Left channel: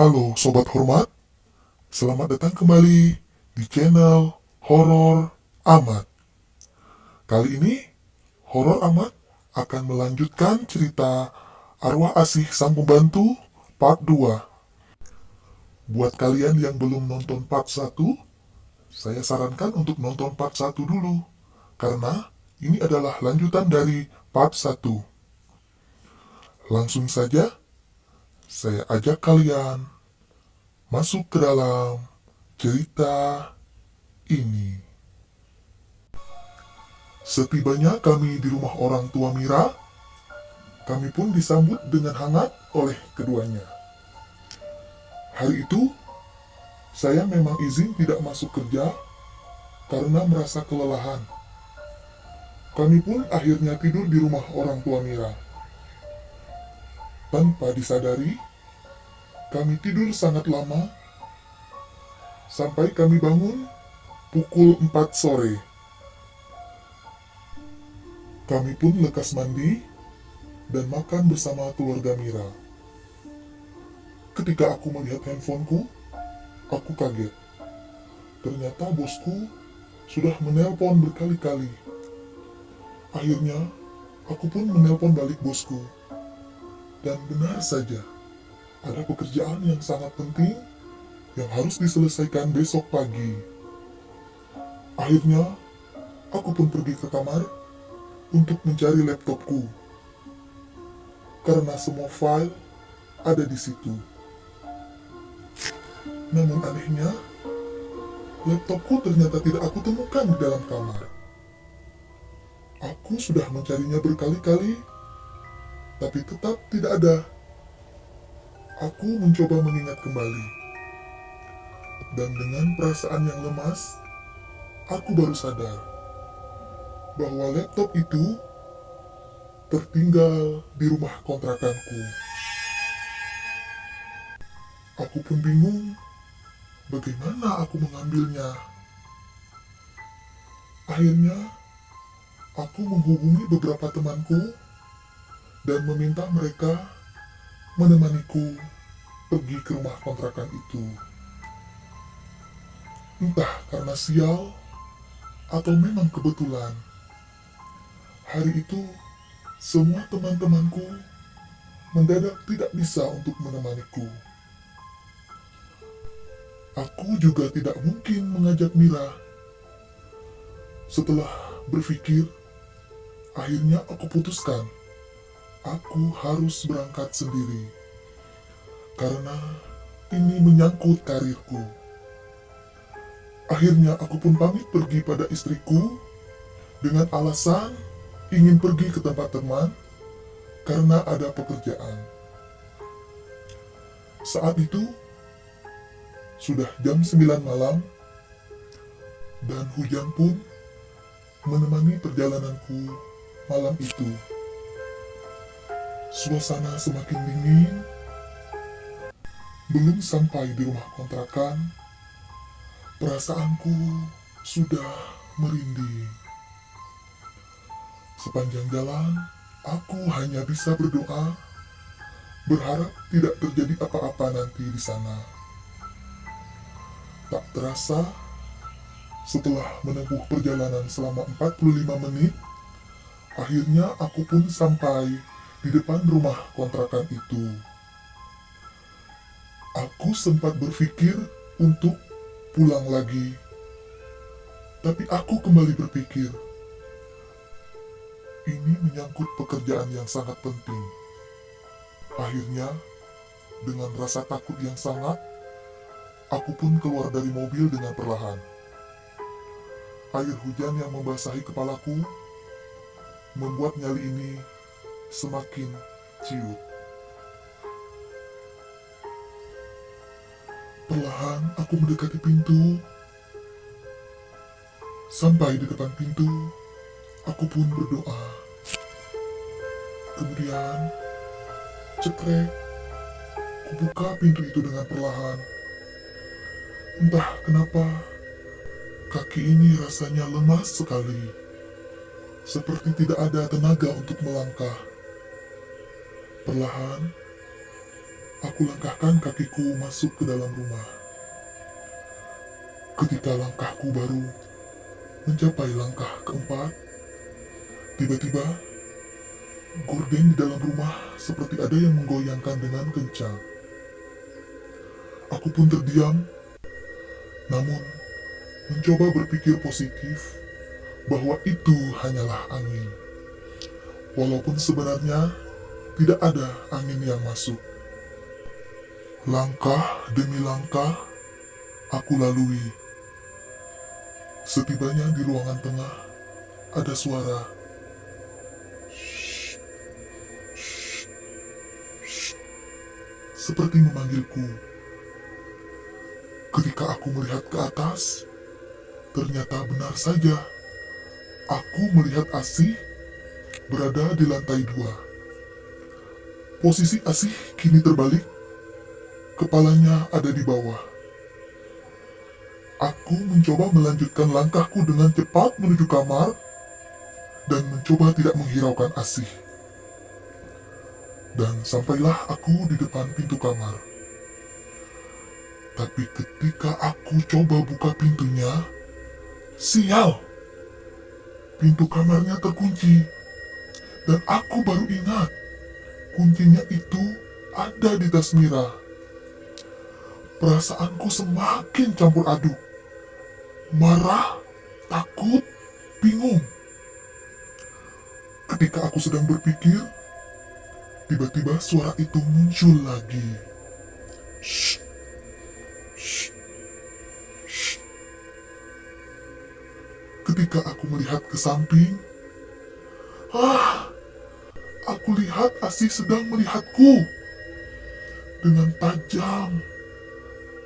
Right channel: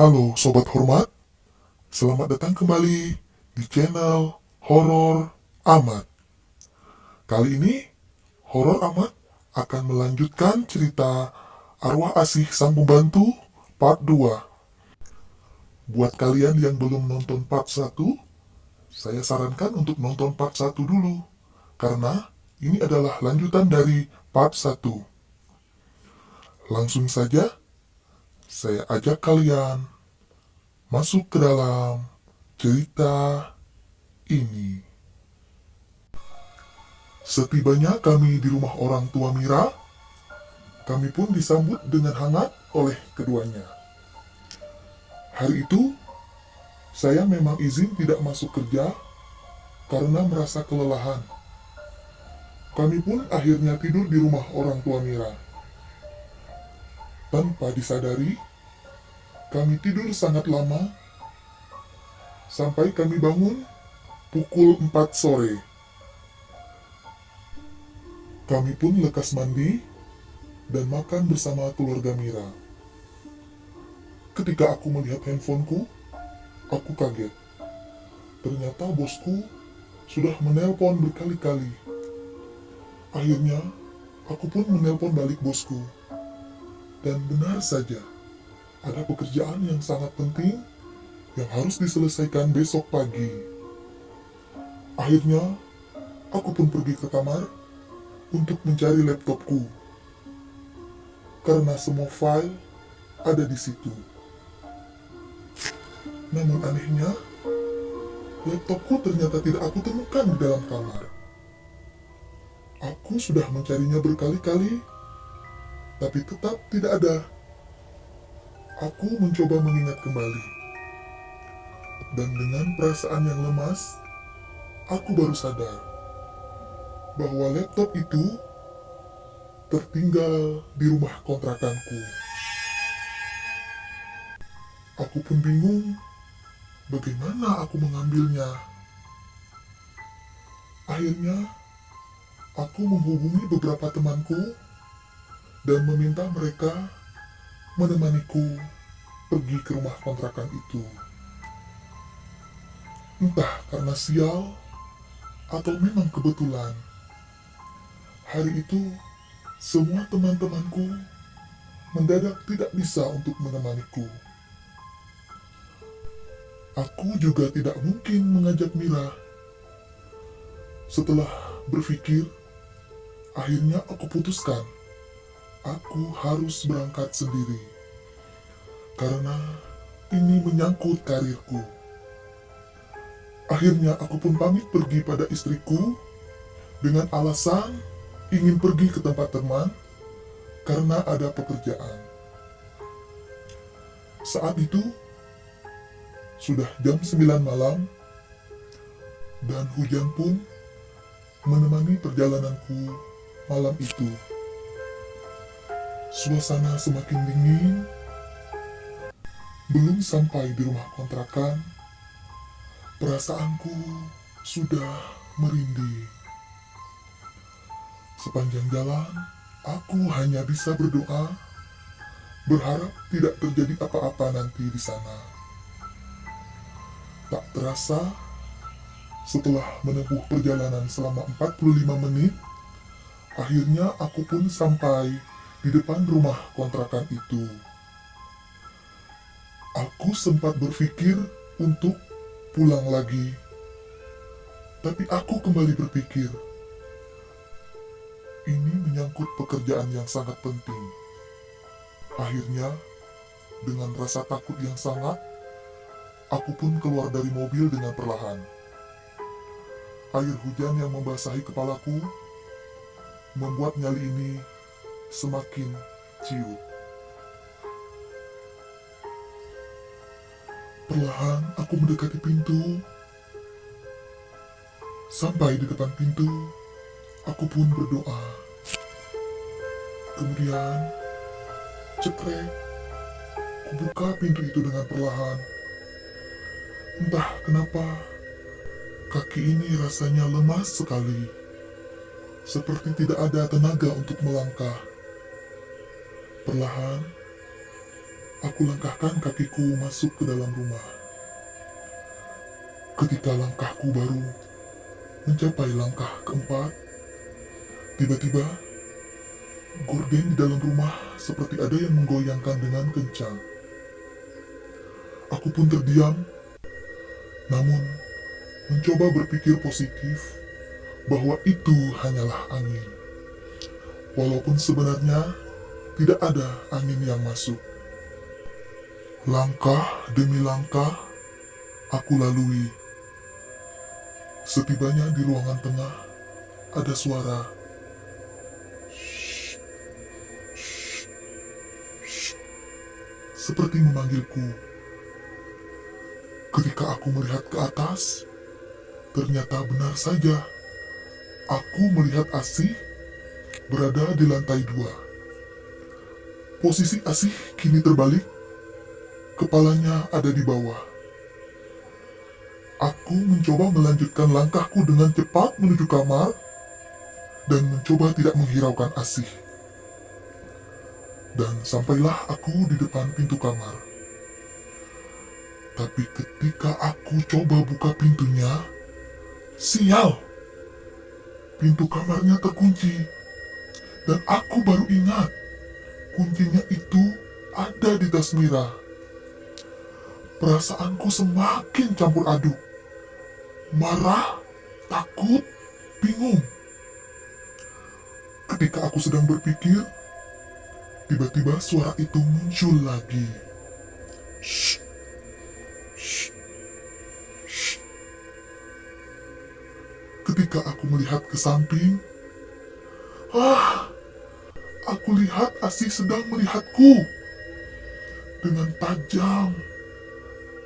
Halo Sobat Hormat, selamat datang kembali di channel Horor Amat. Kali ini, Horor Amat akan melanjutkan cerita Arwah Asih Sang Pembantu part 2. Buat kalian yang belum nonton part 1, saya sarankan untuk nonton part 1 dulu, karena ini adalah lanjutan dari part 1. Langsung saja, saya ajak kalian masuk ke dalam cerita ini. Setibanya kami di rumah orang tua Mira, kami pun disambut dengan hangat oleh keduanya. Hari itu, saya memang izin tidak masuk kerja karena merasa kelelahan. Kami pun akhirnya tidur di rumah orang tua Mira. Tanpa disadari, kami tidur sangat lama sampai kami bangun pukul 4 sore. Kami pun lekas mandi dan makan bersama keluarga Mira. Ketika aku melihat handphoneku, aku kaget. Ternyata bosku sudah menelpon berkali-kali. Akhirnya, aku pun menelpon balik bosku. Dan benar saja, ada pekerjaan yang sangat penting yang harus diselesaikan besok pagi. Akhirnya, aku pun pergi ke kamar untuk mencari laptopku, karena semua file ada di situ. Namun anehnya, laptopku ternyata tidak aku temukan di dalam kamar. Aku sudah mencarinya berkali-kali, tapi tetap tidak ada. Aku mencoba mengingat kembali. Dan dengan perasaan yang lemas, aku baru sadar bahwa laptop itu tertinggal di rumah kontrakanku. Aku pun bingung bagaimana aku mengambilnya. Akhirnya, aku menghubungi beberapa temanku dan meminta mereka menemaniku pergi ke rumah kontrakan itu. Entah karena sial atau memang kebetulan, hari itu semua teman-temanku mendadak tidak bisa untuk menemaniku. Aku juga tidak mungkin mengajak Mira. Setelah berpikir, akhirnya aku putuskan aku harus berangkat sendiri, karena ini menyangkut karirku. Akhirnya aku pun pamit pergi pada istriku dengan alasan ingin pergi ke tempat teman karena ada pekerjaan. Saat itu sudah jam 9 malam dan hujan pun menemani perjalananku malam itu. Suasana semakin dingin. Belum sampai di rumah kontrakan, perasaanku sudah merinding. Sepanjang jalan, aku hanya bisa berdoa, berharap tidak terjadi apa-apa nanti di sana. Tak terasa, setelah menempuh perjalanan selama 45 menit, akhirnya aku pun sampai di depan rumah kontrakan itu. Aku sempat berpikir untuk pulang lagi, tapi aku kembali berpikir, ini menyangkut pekerjaan yang sangat penting. Akhirnya, dengan rasa takut yang sangat, aku pun keluar dari mobil dengan perlahan. Air hujan yang membasahi kepalaku membuat nyali ini semakin ciut. Perlahan aku mendekati pintu. Sampai di depan pintu, aku pun berdoa. Kemudian, cekrek, kubuka pintu itu dengan perlahan. Entah kenapa, kaki ini rasanya lemas sekali. Seperti tidak ada tenaga untuk melangkah. Perlahan, Aku langkahkan kakiku masuk ke dalam rumah. Ketika langkahku baru mencapai langkah keempat, tiba-tiba gorden di dalam rumah seperti ada yang menggoyangkan dengan kencang. Aku pun terdiam, namun mencoba berpikir positif bahwa itu hanyalah angin. Walaupun sebenarnya tidak ada angin yang masuk. Langkah demi langkah aku lalui. Setibanya di ruangan tengah, ada suara. Seperti memanggilku. Ketika aku melihat ke atas, ternyata benar saja. Aku melihat Asih berada di lantai 2. Posisi Asih kini terbalik, kepalanya ada di bawah. Aku mencoba melanjutkan langkahku dengan cepat menuju kamar dan mencoba tidak menghiraukan Asih. Dan sampailah aku di depan pintu kamar. Tapi ketika aku coba buka pintunya, sial! Pintu kamarnya terkunci. Dan aku baru ingat, kuncinya itu ada di tas Mira. Perasaanku semakin campur aduk. Marah, takut, bingung. Ketika aku sedang berpikir, tiba-tiba suara itu muncul lagi. Shh, shh, shh. Ketika aku melihat ke samping, aku lihat Asih sedang melihatku. Dengan tajam,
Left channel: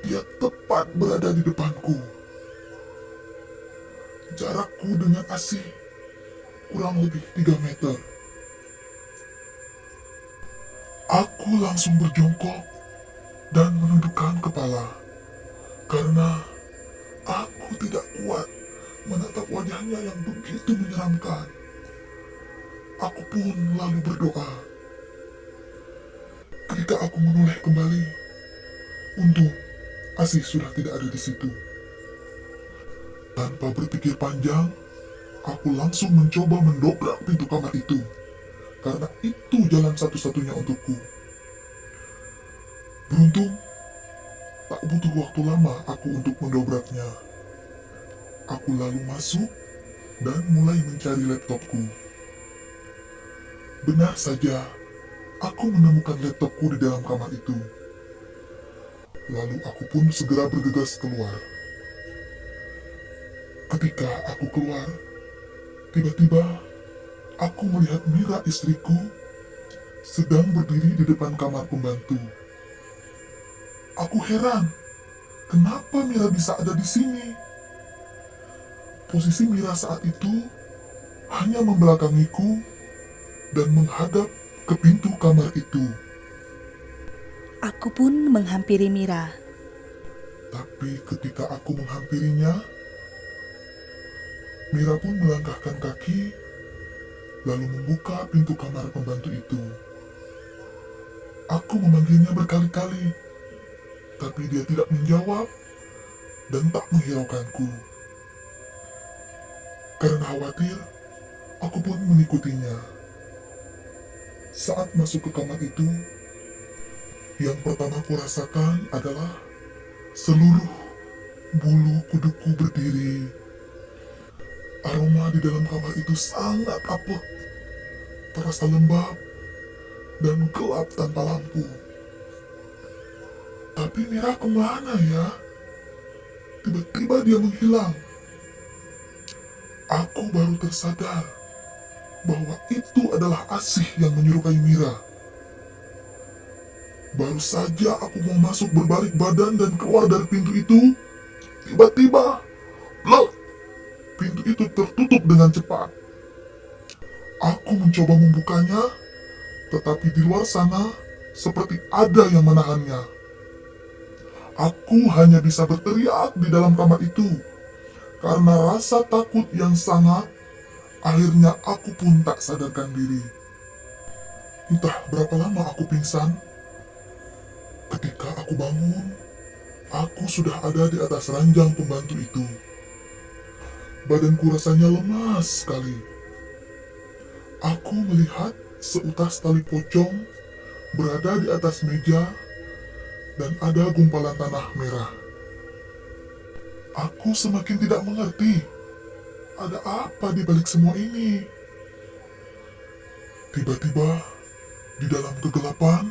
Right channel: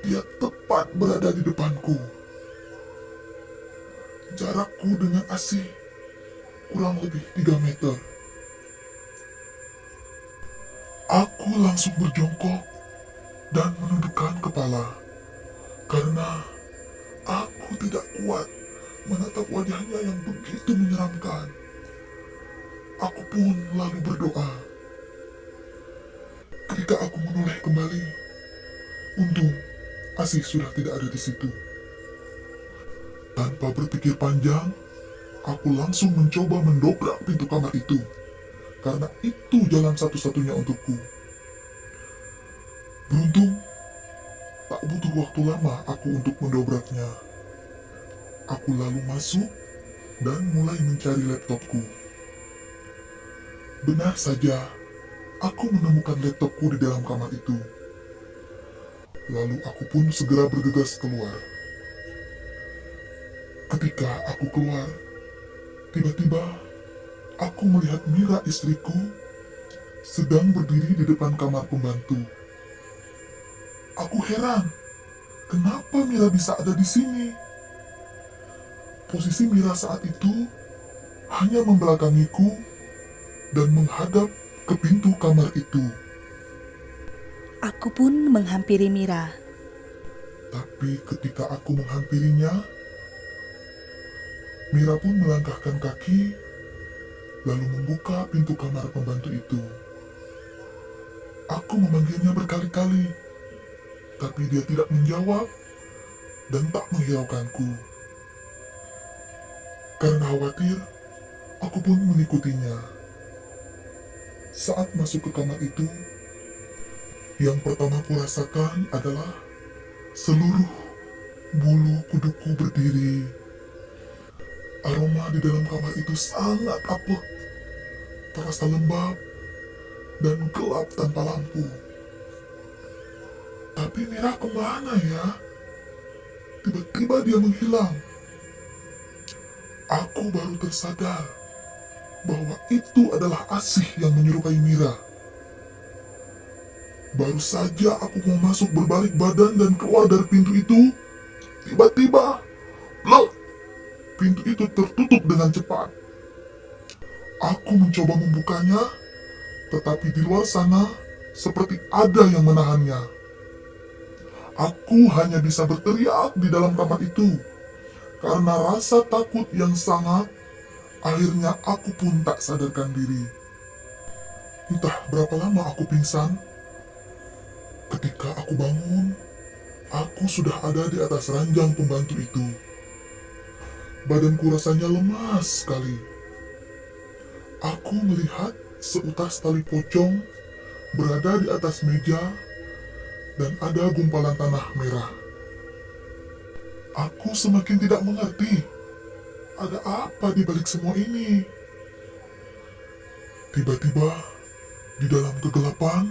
dia tepat berada di depanku. Jarakku dengan Asih kurang lebih 3 meter. Aku langsung berjongkok dan menundukkan kepala karena aku tidak kuat menatap wajahnya yang begitu menyeramkan. Aku pun lalu berdoa. Ketika aku menoleh kembali, untung Asih sudah tidak ada di situ. Tanpa berpikir panjang, aku langsung mencoba mendobrak pintu kamar itu, karena itu jalan satu-satunya untukku. Beruntung, tak butuh waktu lama aku untuk mendobraknya. Aku lalu masuk dan mulai mencari laptopku. Benar saja, aku menemukan laptopku di dalam kamar itu. Lalu aku pun segera bergegas keluar. Ketika aku keluar, tiba-tiba aku melihat Mira istriku sedang berdiri di depan kamar pembantu. Aku heran, kenapa Mira bisa ada di sini? Posisi Mira saat itu hanya membelakangiku dan menghadap ke pintu kamar itu. Aku pun menghampiri Mira. Tapi ketika aku menghampirinya, Mira pun melangkahkan kaki, lalu membuka pintu kamar pembantu itu. Aku memanggilnya berkali-kali, tapi dia tidak menjawab dan tak menghiraukanku. Karena khawatir, aku pun mengikutinya. Saat masuk ke kamar itu, yang pertama kurasakan adalah seluruh bulu kuduku berdiri. Aroma di dalam kamar itu sangat apek, terasa lembab dan gelap tanpa lampu. Tapi Mira kemana ya? Tiba-tiba dia menghilang. Aku baru tersadar bahwa itu adalah Asih yang menyerupai Mira. Baru saja aku mau masuk berbalik badan dan keluar dari pintu itu, tiba-tiba, blok! Pintu itu tertutup dengan cepat. Aku mencoba membukanya, tetapi di luar sana seperti ada yang menahannya. Aku hanya bisa berteriak di dalam kamar itu. Karena rasa takut yang sangat, akhirnya aku pun tak sadarkan diri. Entah berapa lama aku pingsan, Ketika aku bangun, aku sudah ada di atas ranjang pembantu itu. Badanku rasanya lemas sekali. Aku melihat seutas tali pocong berada di atas meja dan ada gumpalan tanah merah. Aku semakin tidak mengerti ada apa di balik semua ini. Tiba-tiba di dalam kegelapan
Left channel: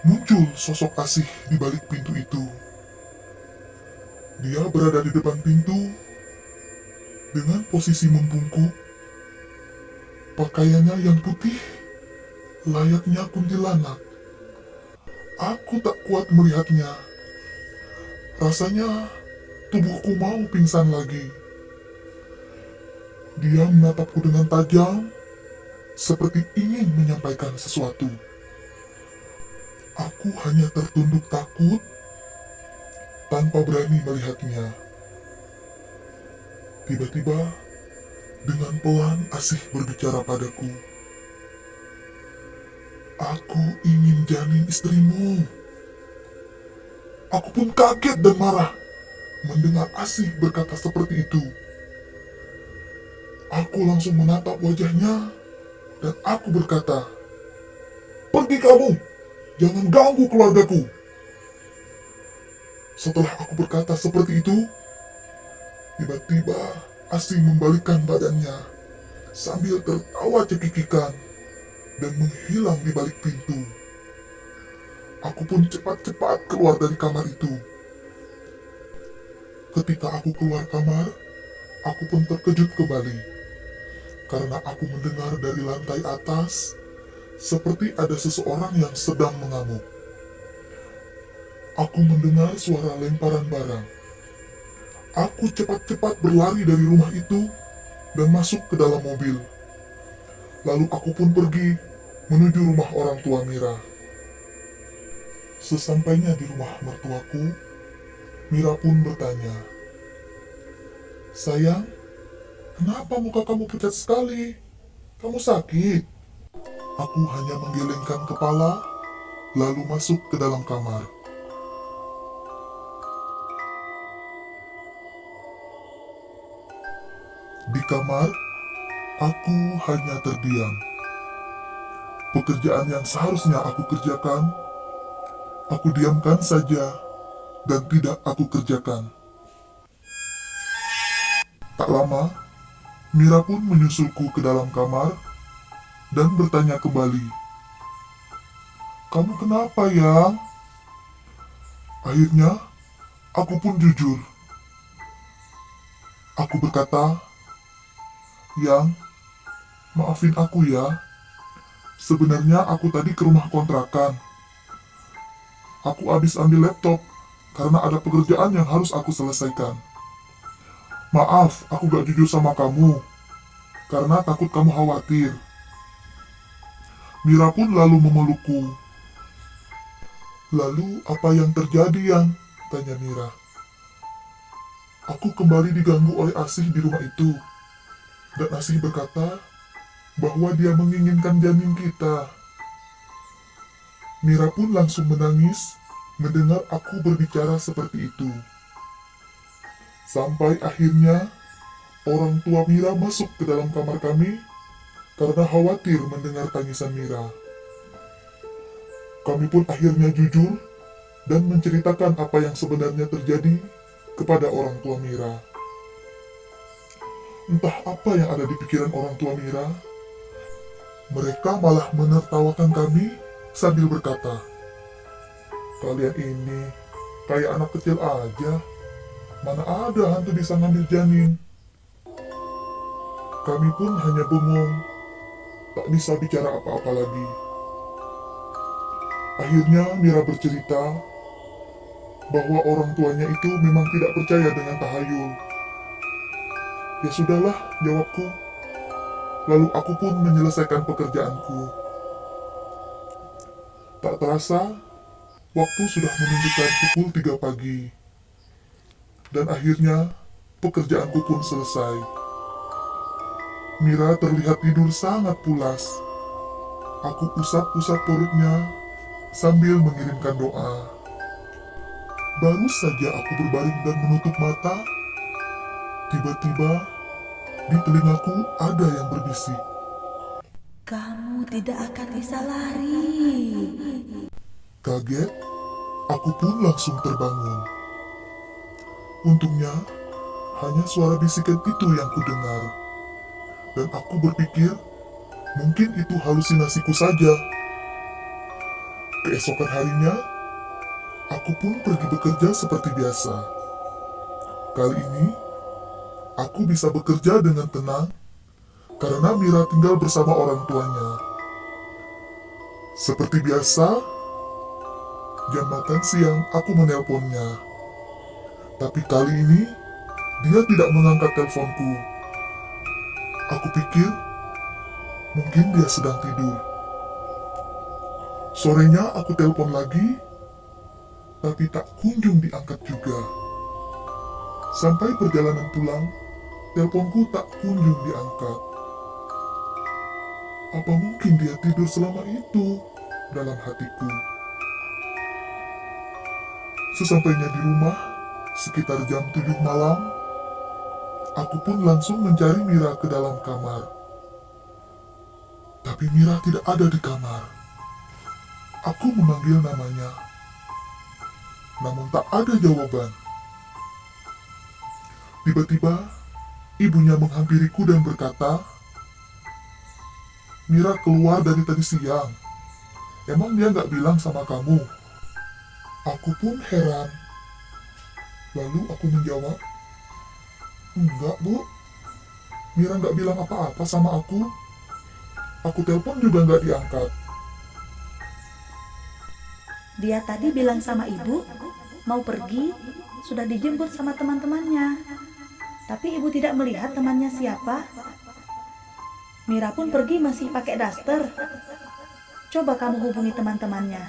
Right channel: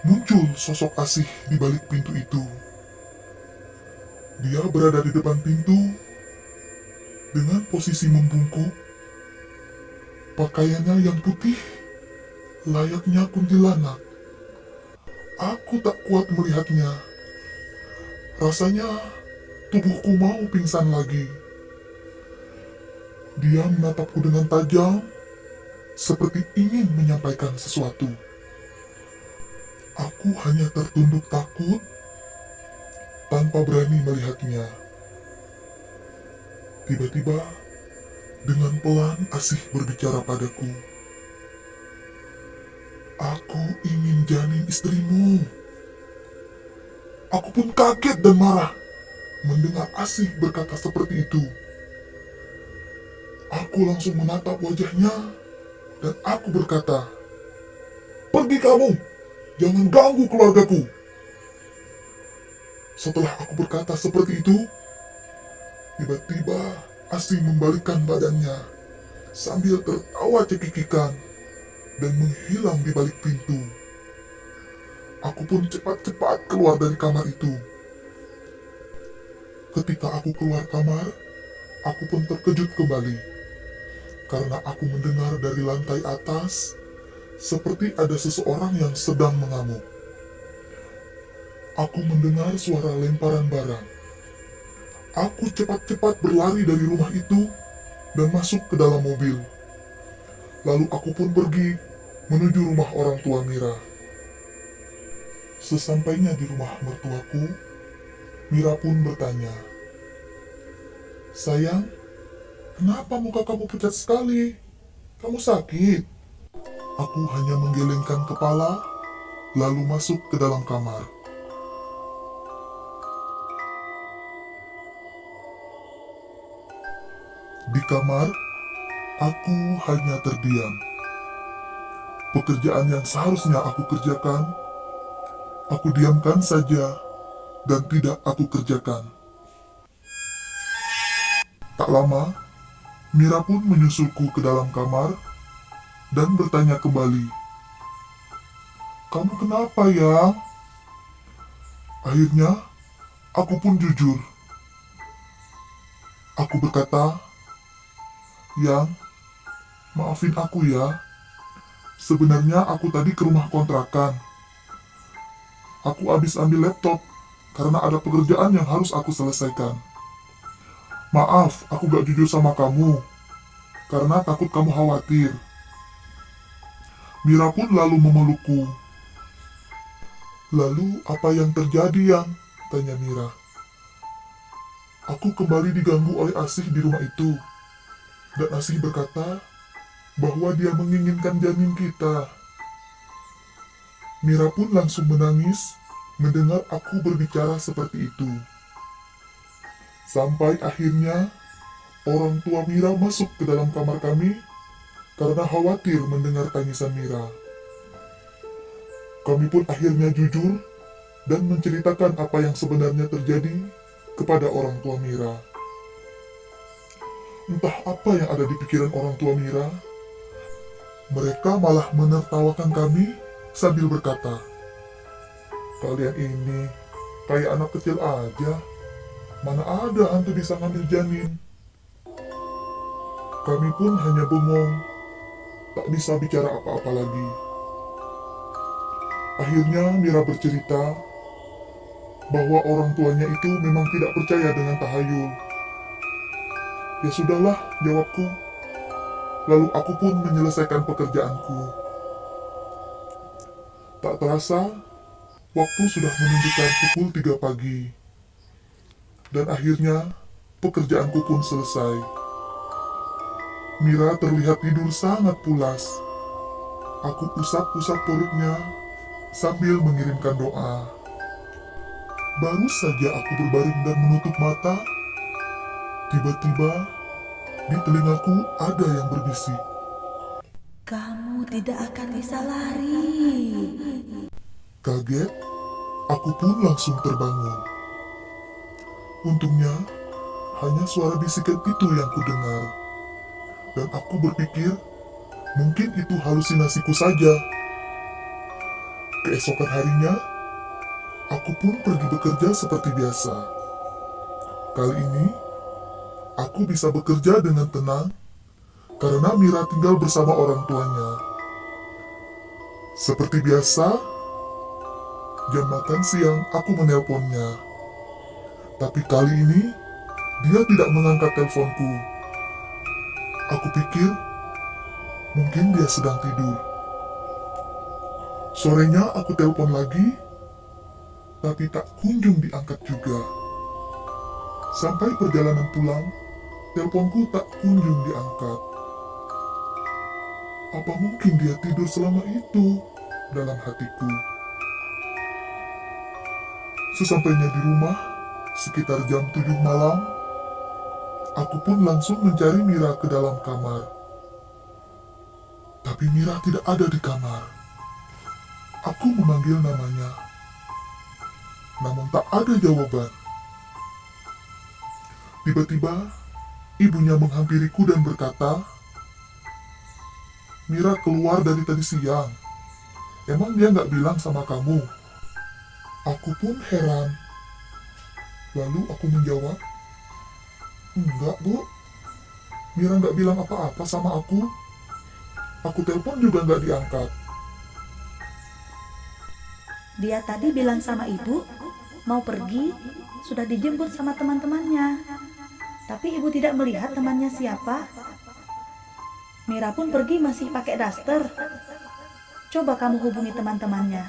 muncul sosok Asih di balik pintu itu. Dia berada di depan pintu dengan posisi membungkuk. Pakaiannya yang putih layaknya kuntilanak. Aku tak kuat melihatnya. Rasanya tubuhku mau pingsan lagi. Dia menatapku dengan tajam, seperti ingin menyampaikan sesuatu. Aku hanya tertunduk takut, tanpa berani melihatnya. Tiba-tiba, dengan pelan Asih berbicara padaku. Aku ingin janin istrimu. Aku pun kaget dan marah mendengar Asih berkata seperti itu. Aku langsung menatap wajahnya dan aku berkata, "Pergi kamu, jangan ganggu keluargaku." Setelah aku berkata seperti itu, tiba-tiba Asih membalikkan badannya sambil tertawa cekikikan dan menghilang di balik pintu. Aku pun cepat-cepat keluar dari kamar itu. Ketika aku keluar kamar, aku pun terkejut kembali karena aku mendengar dari lantai atas seperti ada seseorang yang sedang mengamuk. Aku mendengar suara lemparan barang. Aku cepat-cepat berlari dari rumah itu dan masuk ke dalam mobil. Lalu aku pun pergi menuju rumah orang tua Mira. Sesampainya di rumah mertuaku, Mira pun bertanya, "Sayang, kenapa muka kamu pucat sekali? Kamu sakit?" Aku hanya menggelengkan kepala, lalu masuk ke dalam kamar. Di kamar, aku hanya terdiam. Pekerjaan yang seharusnya aku kerjakan, aku diamkan saja dan tidak aku kerjakan. Tak lama, Mira pun menyusulku ke dalam kamar dan bertanya kembali, "Kamu kenapa, Yang?" Akhirnya, aku pun jujur. Aku berkata, "Yang, maafin aku ya. Sebenarnya aku tadi ke rumah kontrakan. Aku habis ambil laptop karena ada pekerjaan yang harus aku selesaikan. Maaf, aku gak jujur sama kamu karena takut kamu khawatir." Mira pun lalu memelukku. "Lalu apa yang terjadi, Yang?" tanya Mira. "Aku kembali diganggu oleh Asih di rumah itu. Dan Asih berkata bahwa dia menginginkan janin kita." Mira pun langsung menangis mendengar aku berbicara seperti itu. Sampai akhirnya orang tua Mira masuk ke dalam kamar kami karena khawatir mendengar tangisan Mira. Kami pun akhirnya jujur dan menceritakan apa yang sebenarnya terjadi kepada orang tua Mira. Entah apa yang ada di pikiran orang tua Mira, mereka malah menertawakan kami sambil berkata, "Kalian ini kayak anak kecil aja, mana ada hantu bisa ngambil janin." Kami pun hanya bengong, tak bisa bicara apa-apa lagi. Akhirnya Mira bercerita bahwa orang tuanya itu memang tidak percaya dengan tahayul. "Ya sudahlah," jawabku. Lalu aku pun menyelesaikan pekerjaanku. Tak terasa, waktu sudah menunjukkan pukul 3 pagi. Dan akhirnya, pekerjaanku pun selesai. Mira terlihat tidur sangat pulas. Aku usap-usap perutnya, sambil mengirimkan doa. Baru saja aku berbaring dan menutup mata, tiba-tiba di telingaku ada yang berbisik. Kamu tidak akan bisa lari. Kaget, aku pun langsung terbangun. Untungnya, hanya suara bisikan itu yang kudengar. Dan aku berpikir, mungkin itu halusinasiku saja. Keesokan harinya, aku pun pergi bekerja seperti biasa. Kali ini, aku bisa bekerja dengan tenang karena Mira tinggal bersama orang tuanya. Seperti biasa, jam makan siang aku menelponnya. Tapi kali ini, dia tidak mengangkat teleponku. Aku pikir, mungkin dia sedang tidur. Sorenya aku telepon lagi, tapi tak kunjung diangkat juga. Sampai perjalanan pulang, teleponku tak kunjung diangkat. Apa mungkin dia tidur selama itu? Dalam hatiku. Sesampainya di rumah, sekitar jam 7 malam, aku pun langsung mencari Mira ke dalam kamar. Tapi Mira tidak ada di kamar. Aku memanggil namanya, namun tak ada jawaban. Tiba-tiba, ibunya menghampiriku dan berkata, Mira keluar dari tadi siang. Emang dia nggak bilang sama kamu? Aku pun heran. Lalu aku menjawab, enggak bu, Mira nggak bilang apa-apa sama aku. Aku telepon juga nggak diangkat. Dia tadi bilang sama ibu, mau pergi, sudah dijemput sama teman-temannya. Tapi ibu tidak melihat temannya siapa. Mira pun pergi masih pakai daster. Coba kamu hubungi teman-temannya.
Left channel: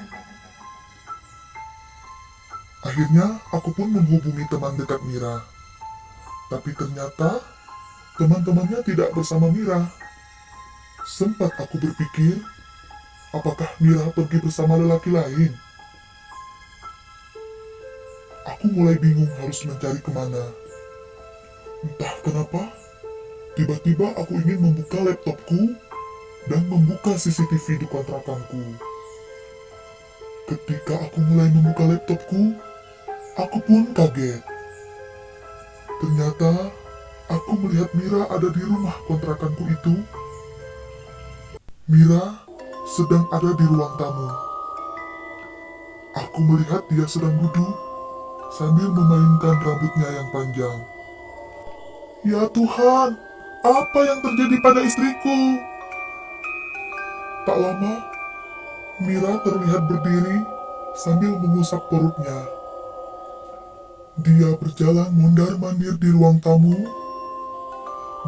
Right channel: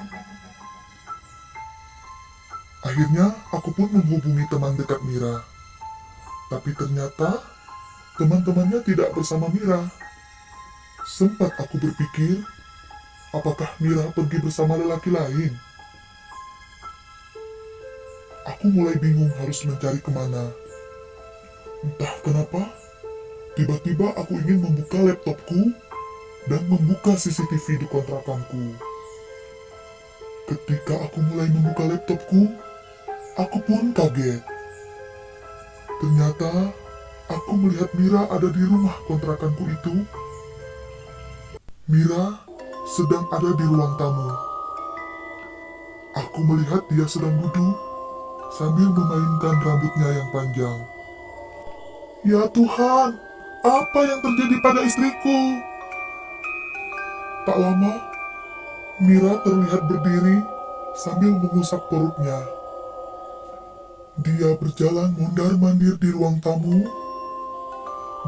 Akhirnya aku pun menghubungi teman dekat Mira. Tapi ternyata teman-temannya tidak bersama Mira. Sempat aku berpikir, apakah Mira pergi bersama lelaki lain? Aku mulai bingung harus mencari kemana. Entah kenapa, tiba-tiba aku ingin membuka laptopku dan membuka CCTV di kontrakanku. Ketika aku mulai membuka laptopku, aku pun kaget. Ternyata, aku melihat Mira ada di rumah kontrakanku itu. Mira sedang ada di ruang tamu. Aku melihat dia sedang duduk sambil memainkan rambutnya yang panjang. Ya Tuhan, apa yang terjadi pada istriku? Tak lama, Mira terlihat berdiri sambil mengusap perutnya. Dia berjalan mondar-mandir di ruang tamu,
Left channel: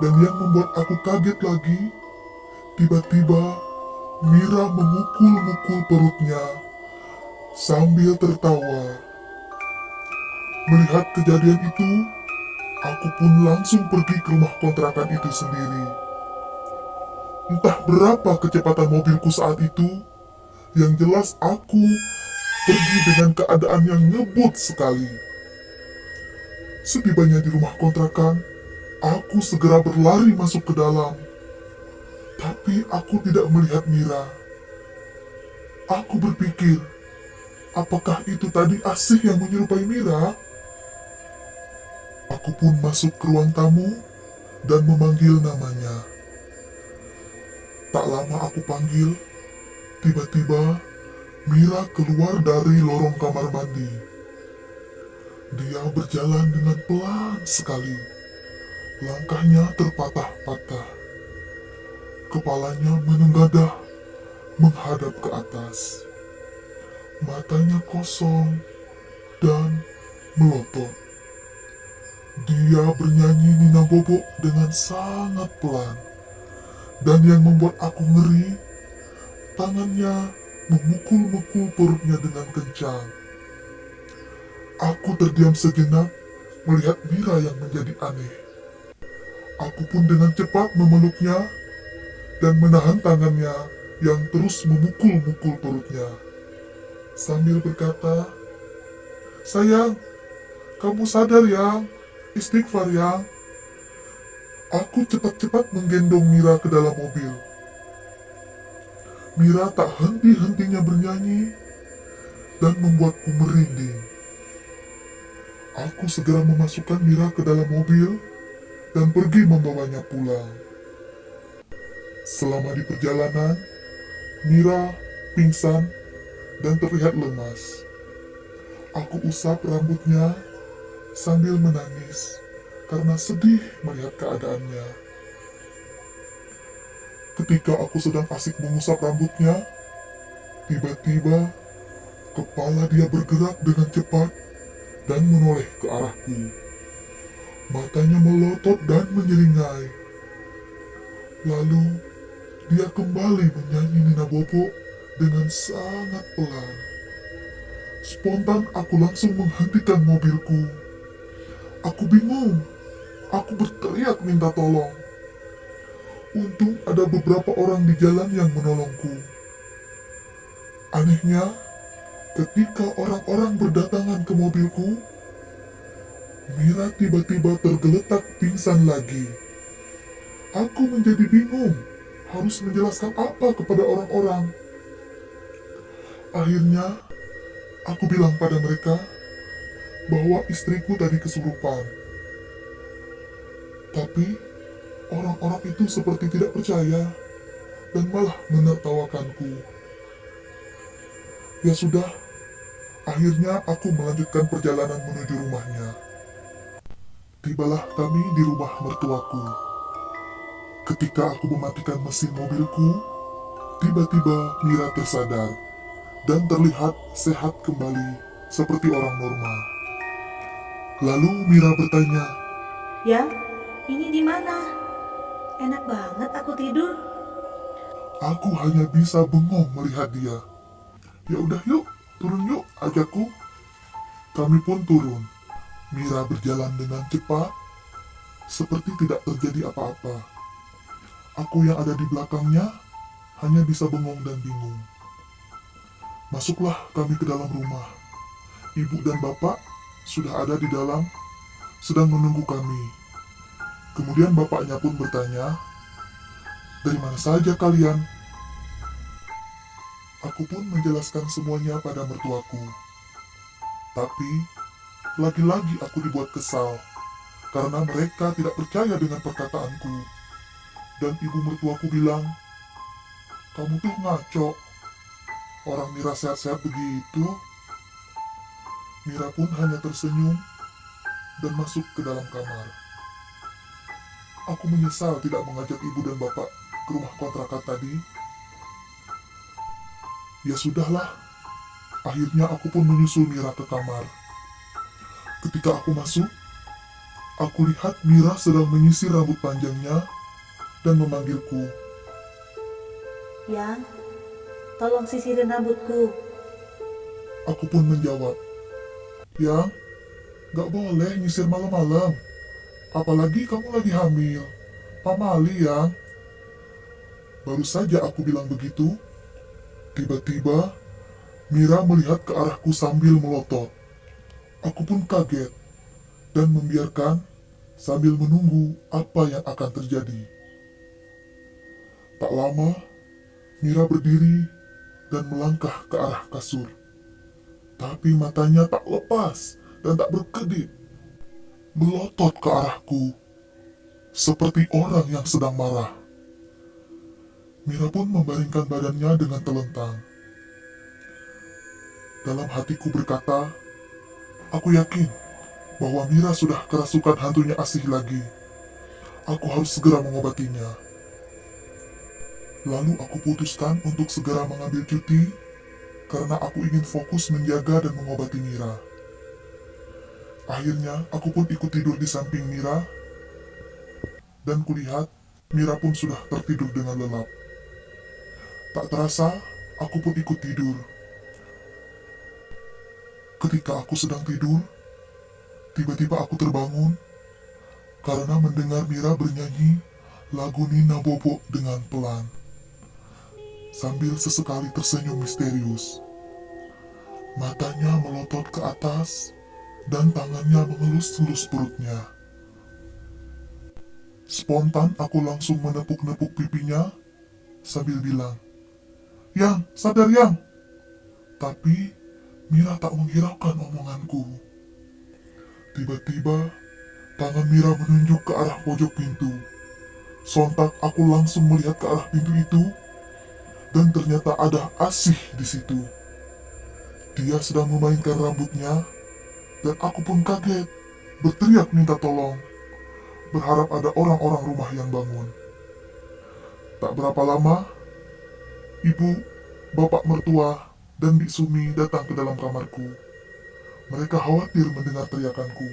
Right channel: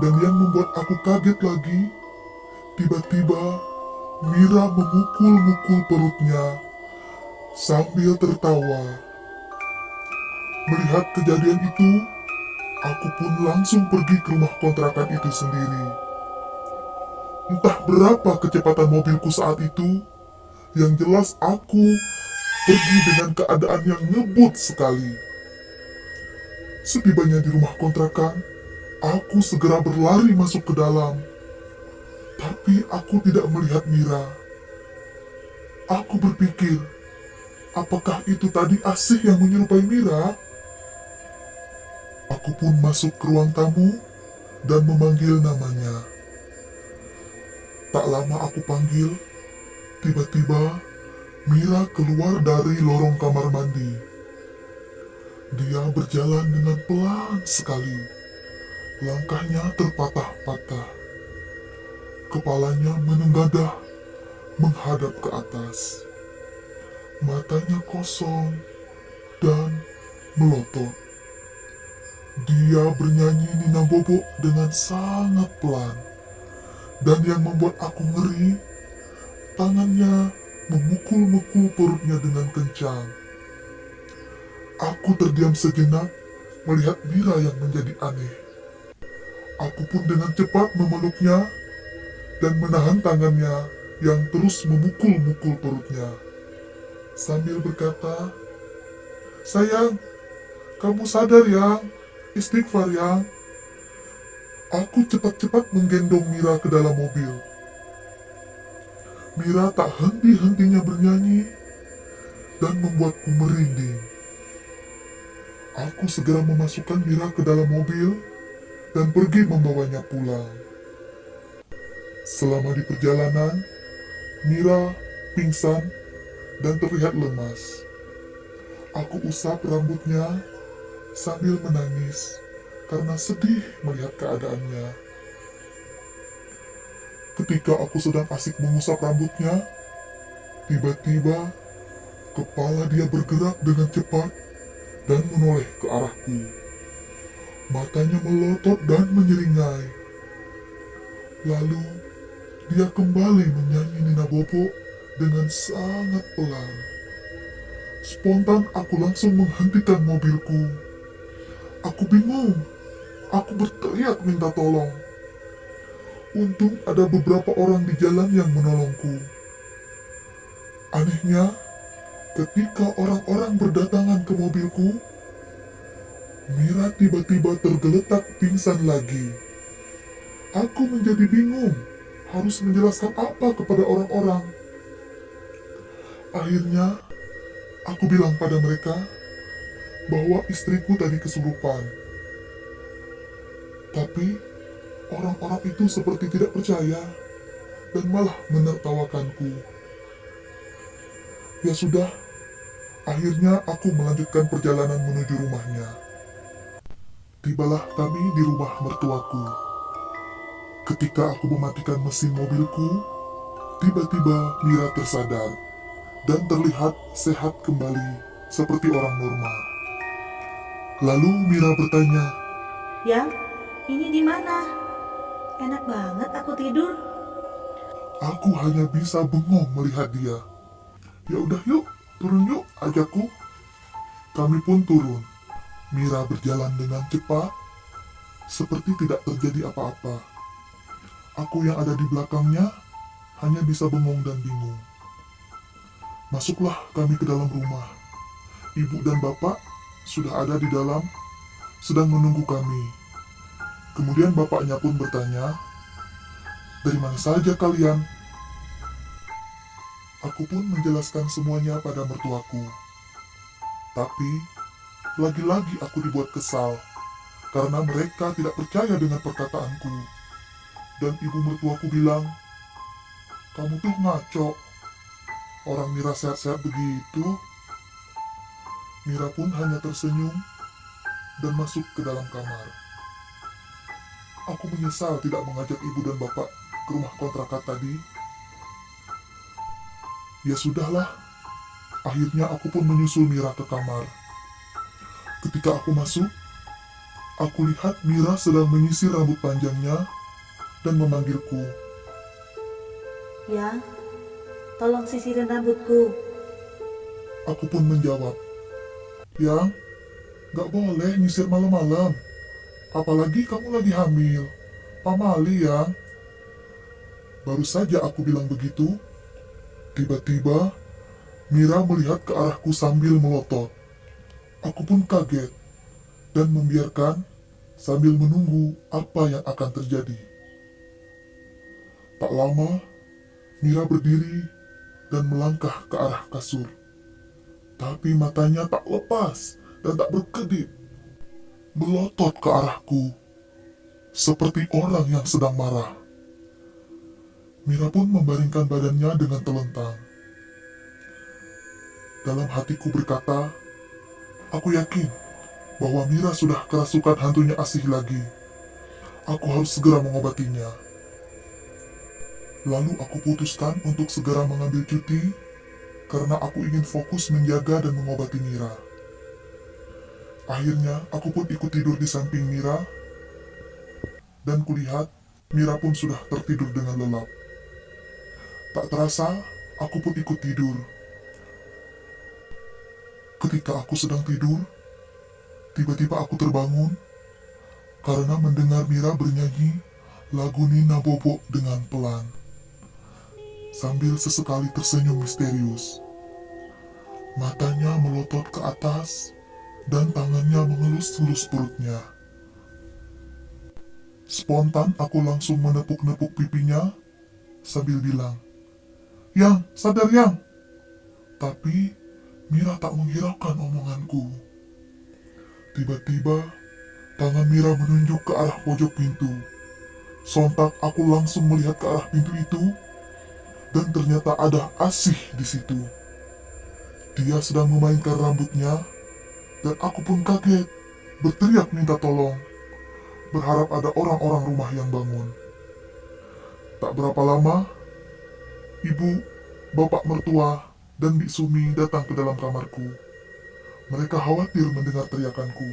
dan yang membuat aku kaget lagi, tiba-tiba Mira memukul-mukul perutnya sambil tertawa. Melihat kejadian itu, aku pun langsung pergi ke rumah kontrakan itu sendiri. Entah berapa kecepatan mobilku saat itu, yang jelas aku pergi dengan keadaan yang ngebut sekali. Setibanya di rumah kontrakan, aku segera berlari masuk ke dalam. Tapi aku tidak melihat Mira. Aku berpikir, apakah itu tadi Asih yang menyerupai Mira? Aku pun masuk ke ruang tamu dan memanggil namanya. Tak lama aku panggil, tiba-tiba Mira keluar dari lorong kamar mandi. Dia berjalan dengan pelan sekali. Langkahnya terpatah-patah. Kepalanya menenggadah menghadap ke atas. Matanya kosong dan melotot. Dia bernyanyi Nina Bobo dengan sangat pelan. Dan yang membuat aku ngeri, tangannya memukul-mukul perutnya dengan kencang. Aku terdiam sejenak melihat Mira yang menjadi aneh. Aku pun dengan cepat memeluknya dan menahan tangannya yang terus memukul-mukul perutnya. sambil berkata, "Sayang, kamu sadar yang? Istighfar yang." Aku cepat-cepat menggendong Mira ke dalam mobil. Mira tak henti-hentinya bernyanyi dan membuatku merinding. Aku segera memasukkan Mira ke dalam mobil dan pergi membawanya pulang. Selama di perjalanan, Mira pingsan dan terlihat lemas. Aku usap rambutnya sambil menangis karena sedih melihat keadaannya. Ketika aku sedang asik mengusap rambutnya, tiba-tiba kepala dia bergerak dengan cepat dan menoleh ke arahku. Matanya melotot dan menyeringai. Lalu dia kembali menyanyi Nina Bobo dengan sangat pelan. Spontan aku langsung menghentikan mobilku. Aku bingung. Aku berteriak minta tolong. Untung ada beberapa orang di jalan yang menolongku. Anehnya, ketika orang-orang berdatangan ke mobilku, Mira tiba-tiba tergeletak pingsan lagi. Aku menjadi bingung, harus menjelaskan apa kepada orang-orang. Akhirnya, aku bilang pada mereka bahwa istriku tadi kesurupan. Tapi orang-orang itu seperti tidak percaya dan malah menertawakanku. Ya sudah, akhirnya aku melanjutkan perjalanan menuju rumahnya. Tibalah kami di rumah mertuaku. Ketika aku mematikan mesin mobilku, tiba-tiba Mira tersadar dan terlihat sehat kembali seperti orang normal. Lalu Mira bertanya, Yang, ini di mana? Enak banget aku tidur. aku hanya bisa bengong melihat dia. "Ya udah yuk, turun yuk," ajakku. Kami pun turun. Mira berjalan dengan cepat, seperti tidak terjadi apa-apa. Aku yang ada di belakangnya hanya bisa bengong dan bingung. Masuklah kami ke dalam rumah. Ibu dan bapak sudah ada di dalam, sedang menunggu kami. Kemudian bapaknya pun bertanya, "Dari mana saja kalian?" Aku pun menjelaskan semuanya pada mertuaku. Tapi, lagi-lagi aku dibuat kesal, karena mereka tidak percaya dengan perkataanku. Dan ibu mertuaku bilang, "Kamu tuh ngaco. Orang Mira sehat-sehat begitu." Mira pun hanya tersenyum dan masuk ke dalam kamar. Aku menyesal tidak mengajak ibu dan bapak ke rumah kontrakan tadi. Ya sudahlah, akhirnya aku pun menyusul Mira ke kamar. Ketika aku masuk, aku lihat Mira sedang menyisir rambut panjangnya dan memanggilku. Yang, tolong sisirin rambutku. Aku pun menjawab, "Yang, gak boleh nyisir malam-malam. Apalagi kamu lagi hamil. Pamali yang." Baru saja aku bilang begitu, tiba-tiba Mira melihat ke arahku sambil melotot. Aku pun kaget dan membiarkan sambil menunggu apa yang akan terjadi. Tak lama, Mira berdiri dan melangkah ke arah kasur. Tapi matanya tak lepas dan tak berkedip, melotot ke arahku, seperti orang yang sedang marah. Mira pun membaringkan badannya dengan telentang. Dalam hatiku berkata, aku yakin bahwa Mira sudah kerasukan hantunya Asih lagi. Aku harus segera mengobatinya. Lalu aku putuskan untuk segera mengambil cuti karena aku ingin fokus menjaga dan mengobati Mira. Akhirnya, aku pun ikut tidur di samping Mira, dan kulihat Mira pun sudah tertidur dengan lelap. Tak terasa, aku pun ikut tidur. Ketika aku sedang tidur, tiba-tiba aku terbangun karena mendengar Mira bernyanyi lagu Nina Bobo dengan pelan, sambil sesekali tersenyum misterius. Matanya melotot ke atas dan tangannya mengelus-elus perutnya. Spontan aku langsung menepuk-nepuk pipinya sambil bilang, "Yang, sadar Yang!" Tapi Mira tak menghiraukan omonganku. Tiba-tiba tangan Mira menunjuk ke arah pojok pintu. Sontak aku langsung melihat ke arah pintu itu dan ternyata ada Asih di situ. Dia sedang memainkan rambutnya dan aku pun kaget, berteriak minta tolong, berharap ada orang-orang rumah yang bangun. Tak berapa lama, ibu, bapak mertua, dan Bik Sumi datang ke dalam kamarku. Mereka khawatir mendengar teriakanku.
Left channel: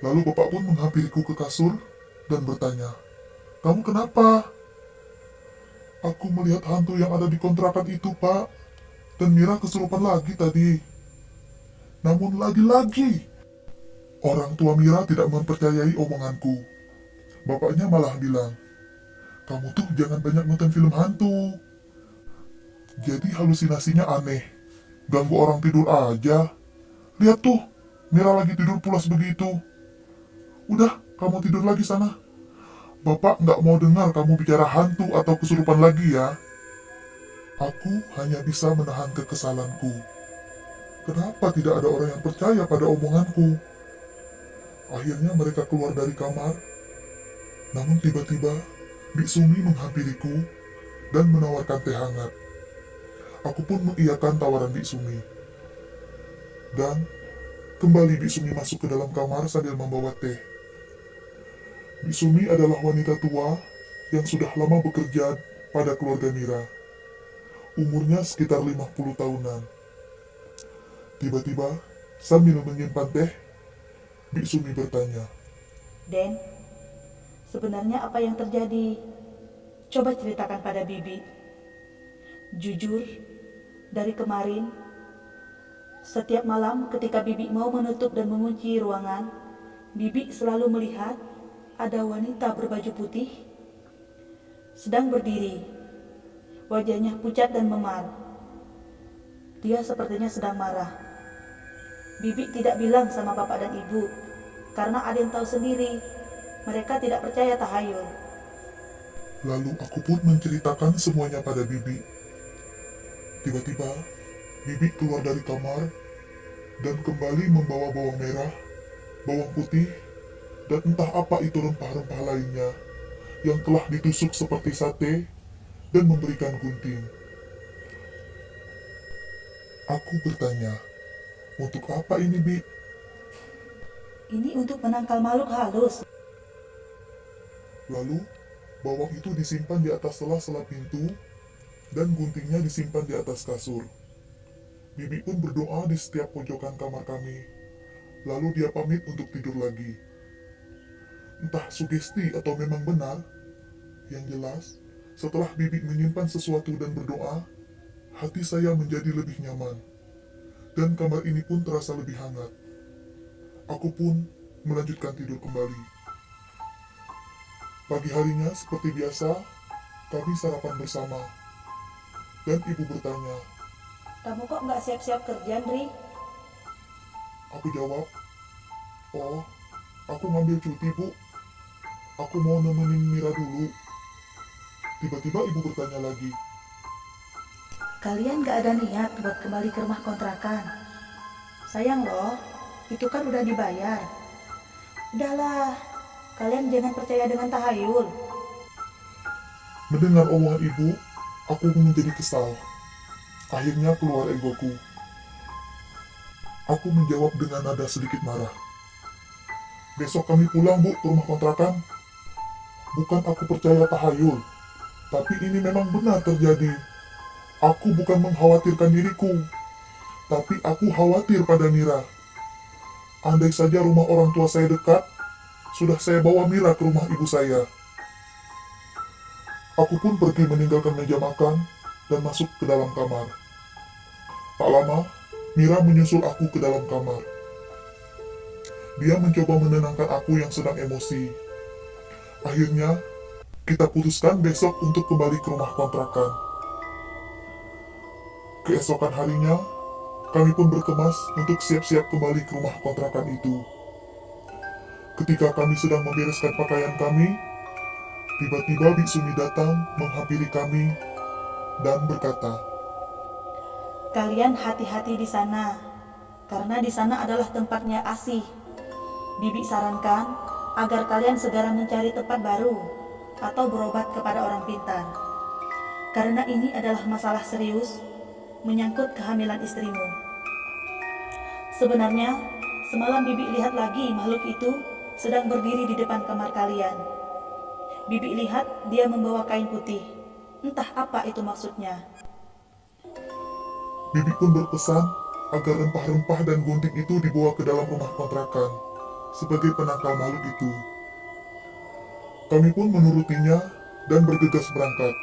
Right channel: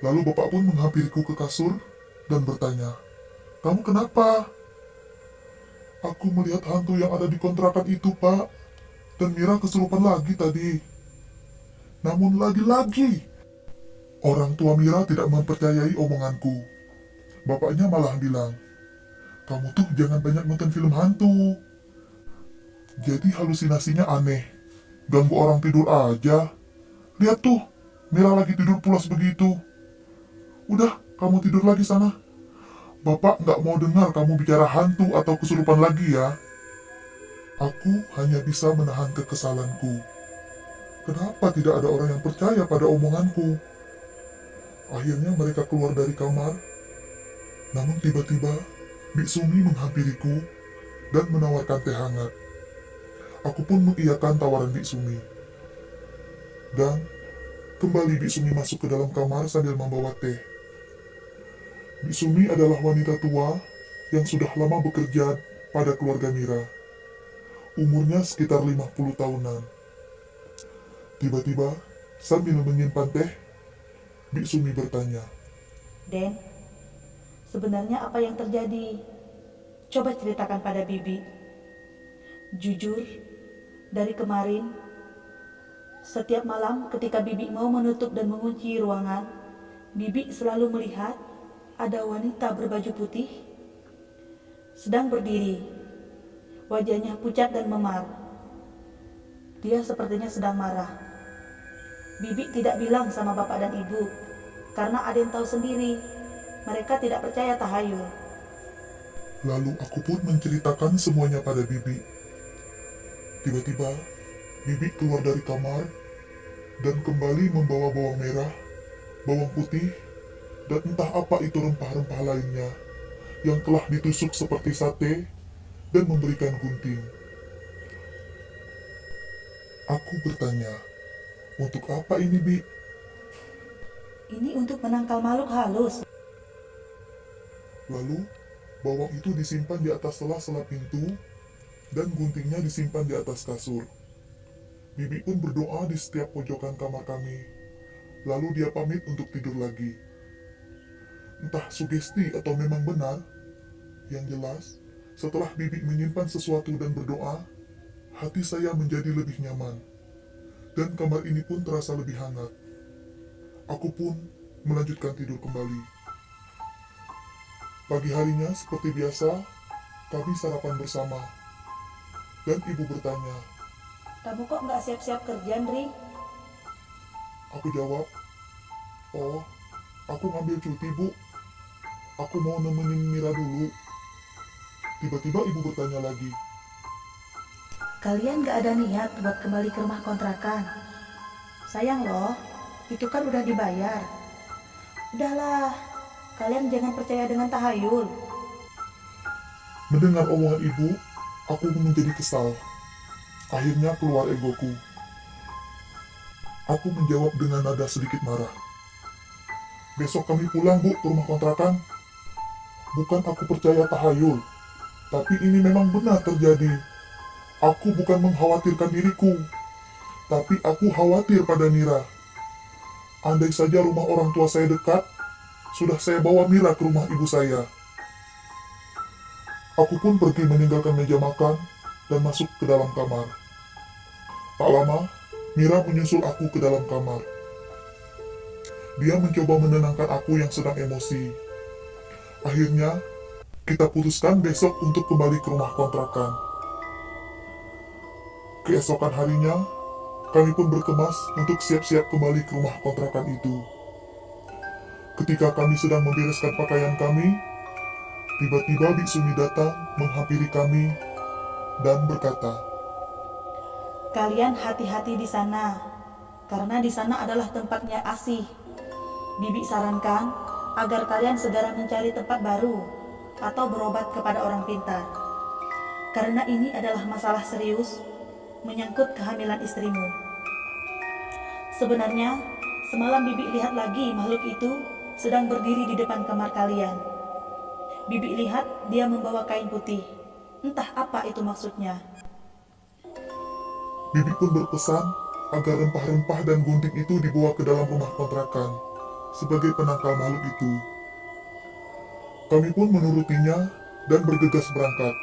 Lalu bapak pun menghampiriku ke kasur dan bertanya, "Kamu kenapa?" "Aku melihat hantu yang ada di kontrakan itu, Pak. Dan Mira kesurupan lagi tadi." Namun lagi-lagi, orang tua Mira tidak mempercayai omonganku. Bapaknya malah bilang, "Kamu tuh jangan banyak nonton film hantu. Jadi halusinasinya aneh. Ganggu orang tidur aja. Lihat tuh, Mira lagi tidur pulas begitu. Udah, kamu tidur lagi sana. Bapak nggak mau dengar kamu bicara hantu atau kesurupan lagi ya." Aku hanya bisa menahan kekesalanku. Kenapa tidak ada orang yang percaya pada omonganku? Akhirnya mereka keluar dari kamar. Namun tiba-tiba, Bik Sumi menghampiriku dan menawarkan teh hangat. Aku pun mengiyakan tawaran Bik Sumi. Dan kembali Bik Sumi masuk ke dalam kamar sambil membawa teh. Bik Sumi adalah wanita tua yang sudah lama bekerja pada keluarga Mira. Umurnya sekitar 50 tahunan. Tiba-tiba, sambil menyimpan teh, Bik Sumi bertanya, Den, sebenarnya apa yang terjadi? Coba ceritakan pada Bibi. Jujur, dari kemarin, setiap malam ketika Bibi mau menutup dan mengunci ruangan, Bibi selalu melihat ada wanita berbaju putih sedang berdiri. Wajahnya pucat dan memar. Dia sepertinya sedang marah. Bibi tidak bilang sama bapak dan ibu, karena ada yang tahu sendiri. Mereka tidak percaya tahayul. lalu aku pun menceritakan semuanya pada Bibi. Tiba-tiba, Bibi keluar dari kamar dan kembali membawa bawang merah, bawang putih, dan entah apa itu rempah-rempah lainnya yang telah ditusuk seperti sate dan memberikan gunting. Aku bertanya, "Untuk apa ini, Bi?" Ini untuk menangkal makhluk halus. Lalu, bawang itu disimpan di atas sela-sela pintu dan guntingnya disimpan di atas kasur. Bibi pun berdoa di setiap pojokan kamar kami. Lalu dia pamit untuk tidur lagi. Entah sugesti atau memang benar, yang jelas, setelah Bibi menyimpan sesuatu dan berdoa, hati saya menjadi lebih nyaman. Dan kamar ini pun terasa lebih hangat. Aku pun melanjutkan tidur kembali. Pagi harinya, seperti biasa, kami sarapan bersama. Dan ibu bertanya. Kamu kok nggak siap-siap kerja, Ndri? Aku jawab, "Oh, aku ngambil cuti, Bu. Aku mau nemenin Mira dulu." Tiba-tiba ibu bertanya lagi, Kalian nggak ada niat buat kembali ke rumah kontrakan? Sayang loh, itu kan udah dibayar. Udahlah, kalian jangan percaya dengan tahayul. Mendengar omongan ibu, aku menjadi kesal. Akhirnya keluar egoku. Aku menjawab dengan nada sedikit marah. "Besok kami pulang, Bu, ke rumah kontrakan. Bukan aku percaya tahayul, tapi ini memang benar terjadi. Aku bukan mengkhawatirkan diriku, tapi aku khawatir pada Mira. Andai saja rumah orang tua saya dekat, sudah saya bawa Mira ke rumah ibu saya." Aku pun pergi meninggalkan meja makan dan masuk ke dalam kamar. Tak lama, Mira menyusul aku ke dalam kamar. Dia mencoba menenangkan aku yang sedang emosi. Akhirnya, kita putuskan besok untuk kembali ke rumah kontrakan. Keesokan harinya, kami pun berkemas untuk siap-siap kembali ke rumah kontrakan itu. Ketika kami sedang membereskan pakaian kami, tiba-tiba Bik Sumi datang menghampiri kami dan berkata, Kalian hati-hati di sana, karena di sana adalah tempatnya asih. Bibi sarankan agar kalian segera mencari tempat baru atau berobat kepada orang pintar. Karena ini adalah masalah serius menyangkut kehamilan istrimu. Sebenarnya, semalam Bibi lihat lagi makhluk itu sedang berdiri di depan kamar kalian. Bibi lihat dia membawa kain putih. Entah apa itu maksudnya. Bibi pun berpesan agar rempah-rempah dan gunting itu dibawa ke dalam rumah kontrakan sebagai penangkal makhluk itu. Kami pun menurutinya dan bergegas berangkat.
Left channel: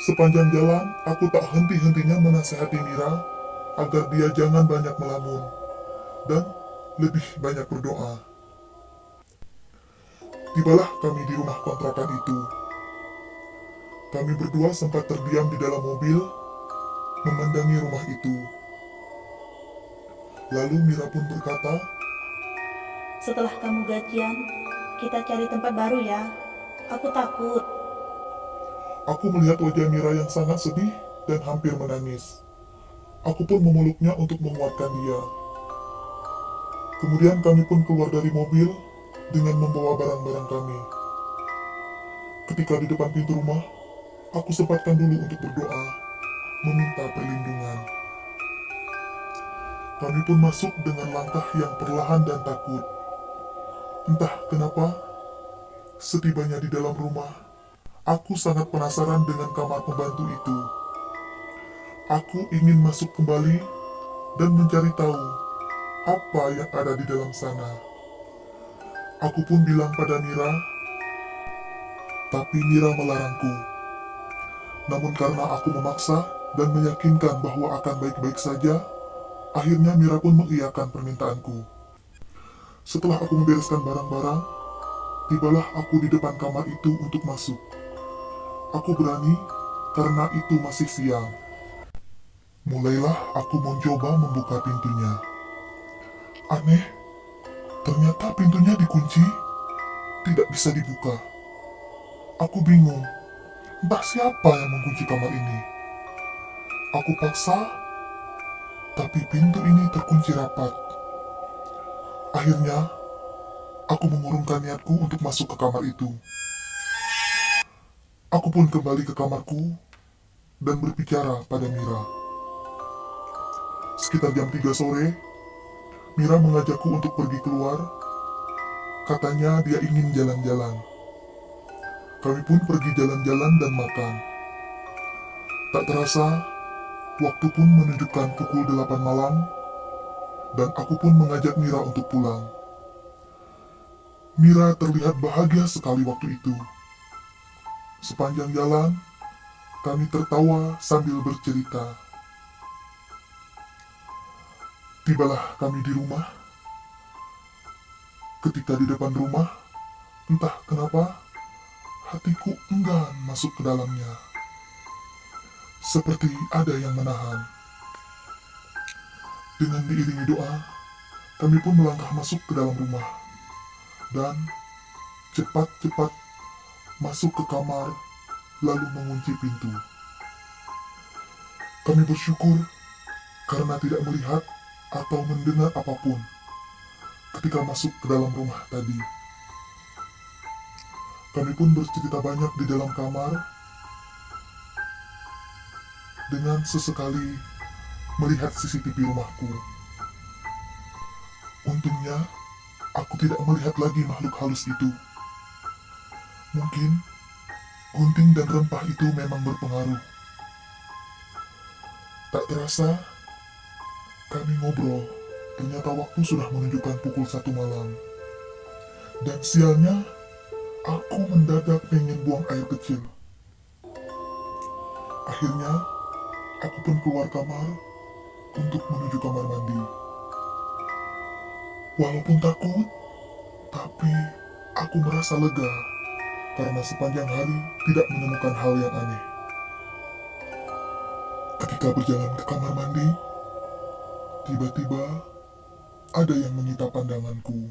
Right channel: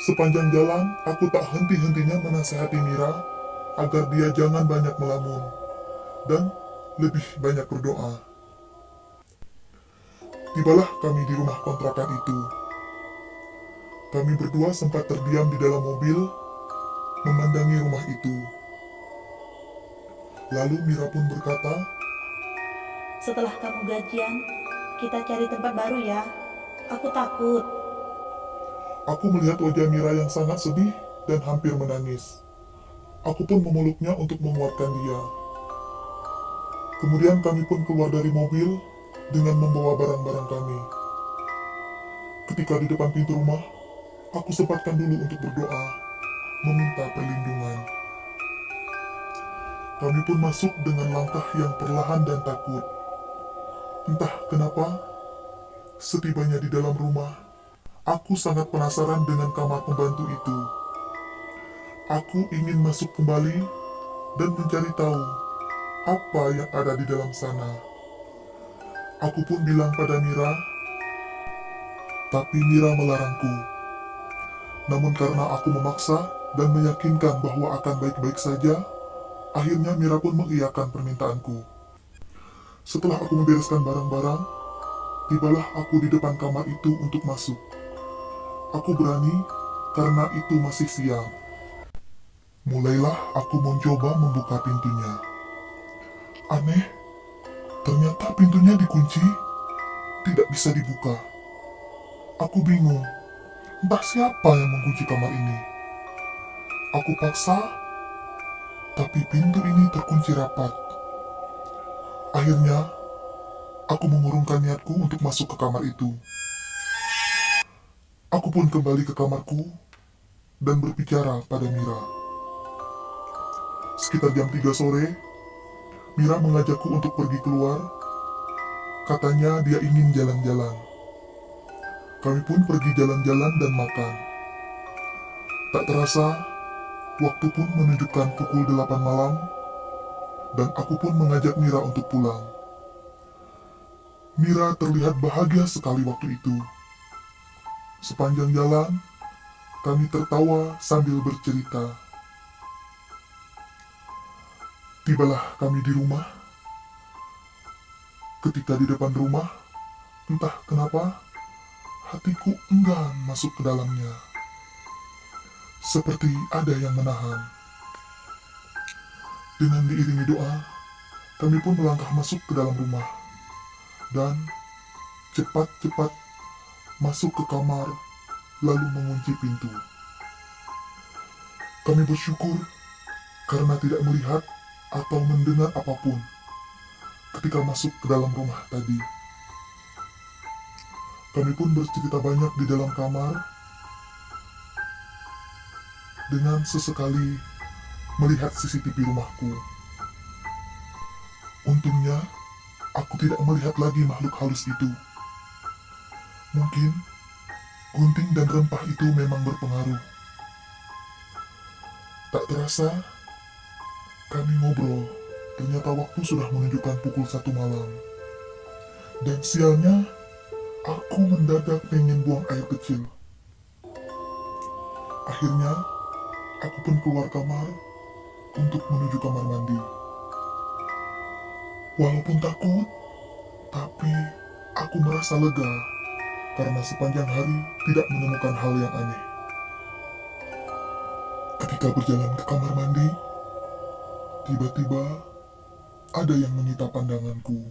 Sepanjang jalan, aku tak henti-hentinya menasihati Mira agar dia jangan banyak melamun dan lebih banyak berdoa. Tibalah kami di rumah kontrakan itu. Kami berdua sempat terdiam di dalam mobil, memandangi rumah itu. Lalu Mira pun berkata, Setelah kamu gajian, kita cari tempat baru ya. Aku takut. aku melihat wajah Mira yang sangat sedih dan hampir menangis. Aku pun memeluknya untuk menguatkan dia. Kemudian kami pun keluar dari mobil dengan membawa barang-barang kami. Ketika di depan pintu rumah, aku sempatkan dulu untuk berdoa, meminta perlindungan. Kami pun masuk dengan langkah yang perlahan dan takut. Entah kenapa, setibanya di dalam rumah, aku sangat penasaran dengan kamar pembantu itu. Aku ingin masuk kembali dan mencari tahu apa yang ada di dalam sana. Aku pun bilang pada Mira, tapi Mira melarangku. Namun karena aku memaksa dan meyakinkan bahwa akan baik-baik saja, akhirnya Mira pun mengiyakan permintaanku. Setelah aku membereskan barang-barang, tibalah aku di depan kamar itu untuk masuk. Aku berani karena itu masih siang. Mulailah aku mencoba membuka pintunya. Aneh, ternyata pintunya dikunci, tidak bisa dibuka. Aku bingung, entah siapa yang mengunci kamar ini. Aku paksa, tapi pintu ini terkunci rapat. Akhirnya, aku mengurungkan niatku untuk masuk ke kamar itu. Aku pun kembali ke kamarku dan berbicara pada Mira. Sekitar jam 3 sore, Mira mengajakku untuk pergi keluar. Katanya dia ingin jalan-jalan. Kami pun pergi jalan-jalan dan makan. Tak terasa, waktu pun menunjukkan pukul 8 malam, dan aku pun mengajak Mira untuk pulang. Mira terlihat bahagia sekali waktu itu. Sepanjang jalan, kami tertawa sambil bercerita. Tibalah kami di rumah. Ketika di depan rumah, entah kenapa, hatiku enggan masuk ke dalamnya. Seperti ada yang menahan. Dengan diiringi doa, kami pun melangkah masuk ke dalam rumah. Dan cepat-cepat masuk ke kamar, lalu mengunci pintu. Kami bersyukur karena tidak melihat atau mendengar apapun ketika masuk ke dalam rumah tadi. Kami pun bercerita banyak di dalam kamar, dengan sesekali melihat CCTV rumahku. Untungnya, aku tidak melihat lagi makhluk halus itu. Mungkin gunting dan rempah itu memang berpengaruh. Tak terasa, kami ngobrol. Ternyata waktu sudah menunjukkan pukul 1 malam. Dan sialnya, aku mendadak pengen buang air kecil. Akhirnya, aku pun keluar kamar untuk menuju kamar mandi. Walaupun takut, tapi aku merasa lega karena sepanjang hari tidak menemukan hal yang aneh. Ketika berjalan ke kamar mandi, tiba-tiba ada yang menyita pandanganku.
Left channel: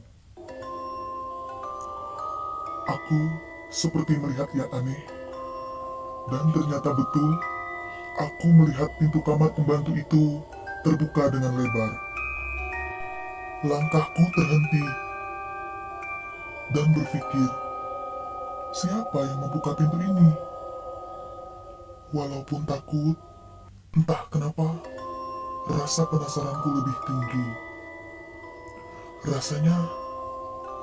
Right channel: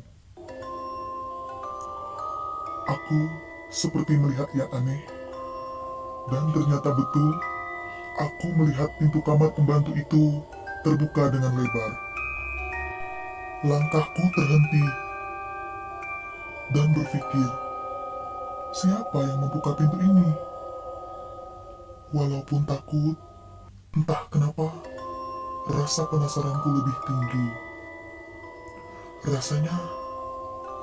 Aku seperti melihat yang aneh, dan ternyata betul, aku melihat pintu kamar pembantu itu terbuka dengan lebar. Langkahku terhenti dan berpikir, siapa yang membuka pintu ini? Walaupun takut, entah kenapa, rasa penasaranku lebih tinggi. Rasanya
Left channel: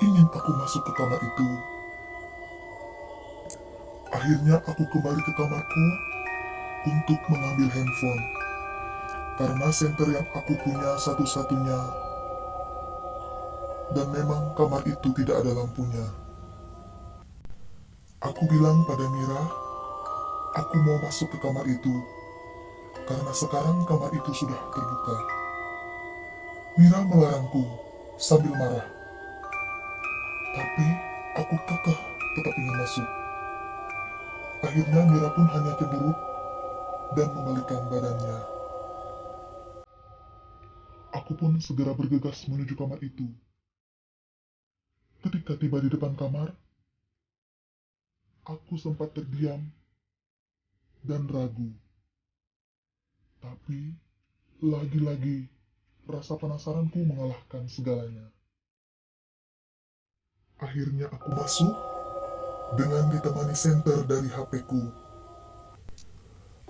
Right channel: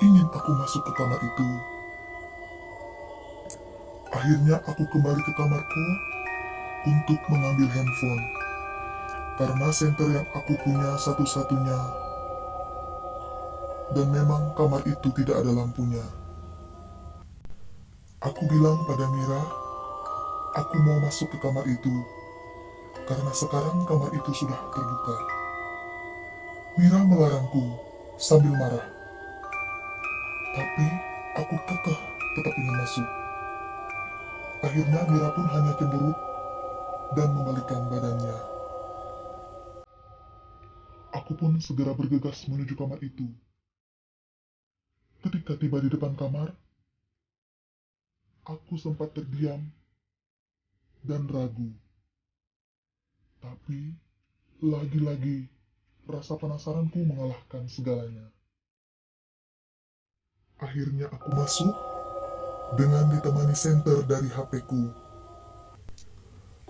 ingin aku masuk ke kamar itu. Akhirnya aku kembali ke kamarku untuk mengambil handphone. Karena senter yang aku punya satu-satunya. Dan memang kamar itu tidak ada lampunya. Aku bilang pada Mira, aku mau masuk ke kamar itu. Karena sekarang kamar itu sudah terbuka. Mira melarangku sambil marah. Tapi aku kekeh tetap ingin masuk. Akhirnya Mira pun hanya cemberut dan membalikkan badannya. Aku pun segera bergegas menuju kamar itu. Ketika tiba di depan kamar, aku sempat terdiam dan ragu. Tapi, lagi-lagi, rasa penasaranku mengalahkan segalanya. Akhirnya aku masuk dengan ditemani senter dari HP-ku.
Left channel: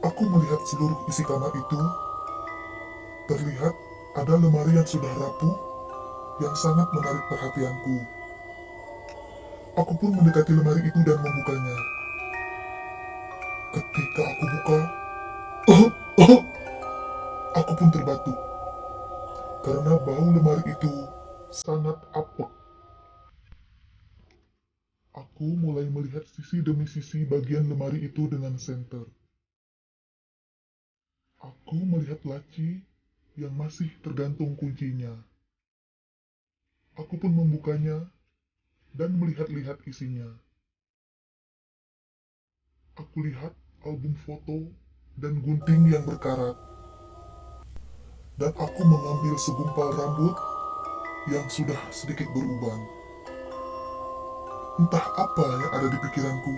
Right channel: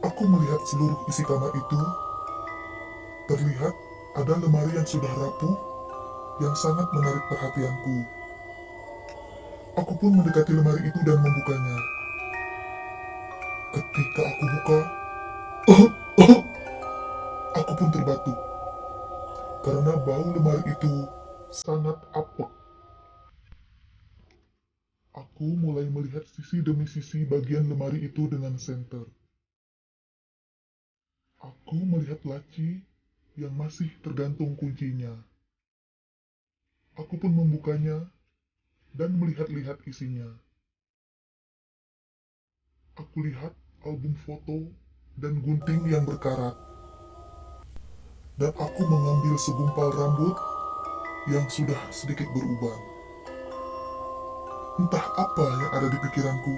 Aku melihat seluruh isi kamar itu. Terlihat ada lemari yang sudah rapuh yang sangat menarik perhatianku. Aku pun mendekati lemari itu dan membukanya. Ketika aku buka, aku pun terbatuk. Karena bau lemari itu sangat apek. Aku mulai melihat sisi demi sisi bagian lemari itu dengan senter. Aku melihat laci yang masih tergantung kuncinya. Aku pun membukanya dan melihat-lihat isinya. Aku lihat album foto dan gunting yang berkarat. Dan aku mengambil segumpal rambut yang sudah sedikit beruban. Entah apa yang ada di pikiranku.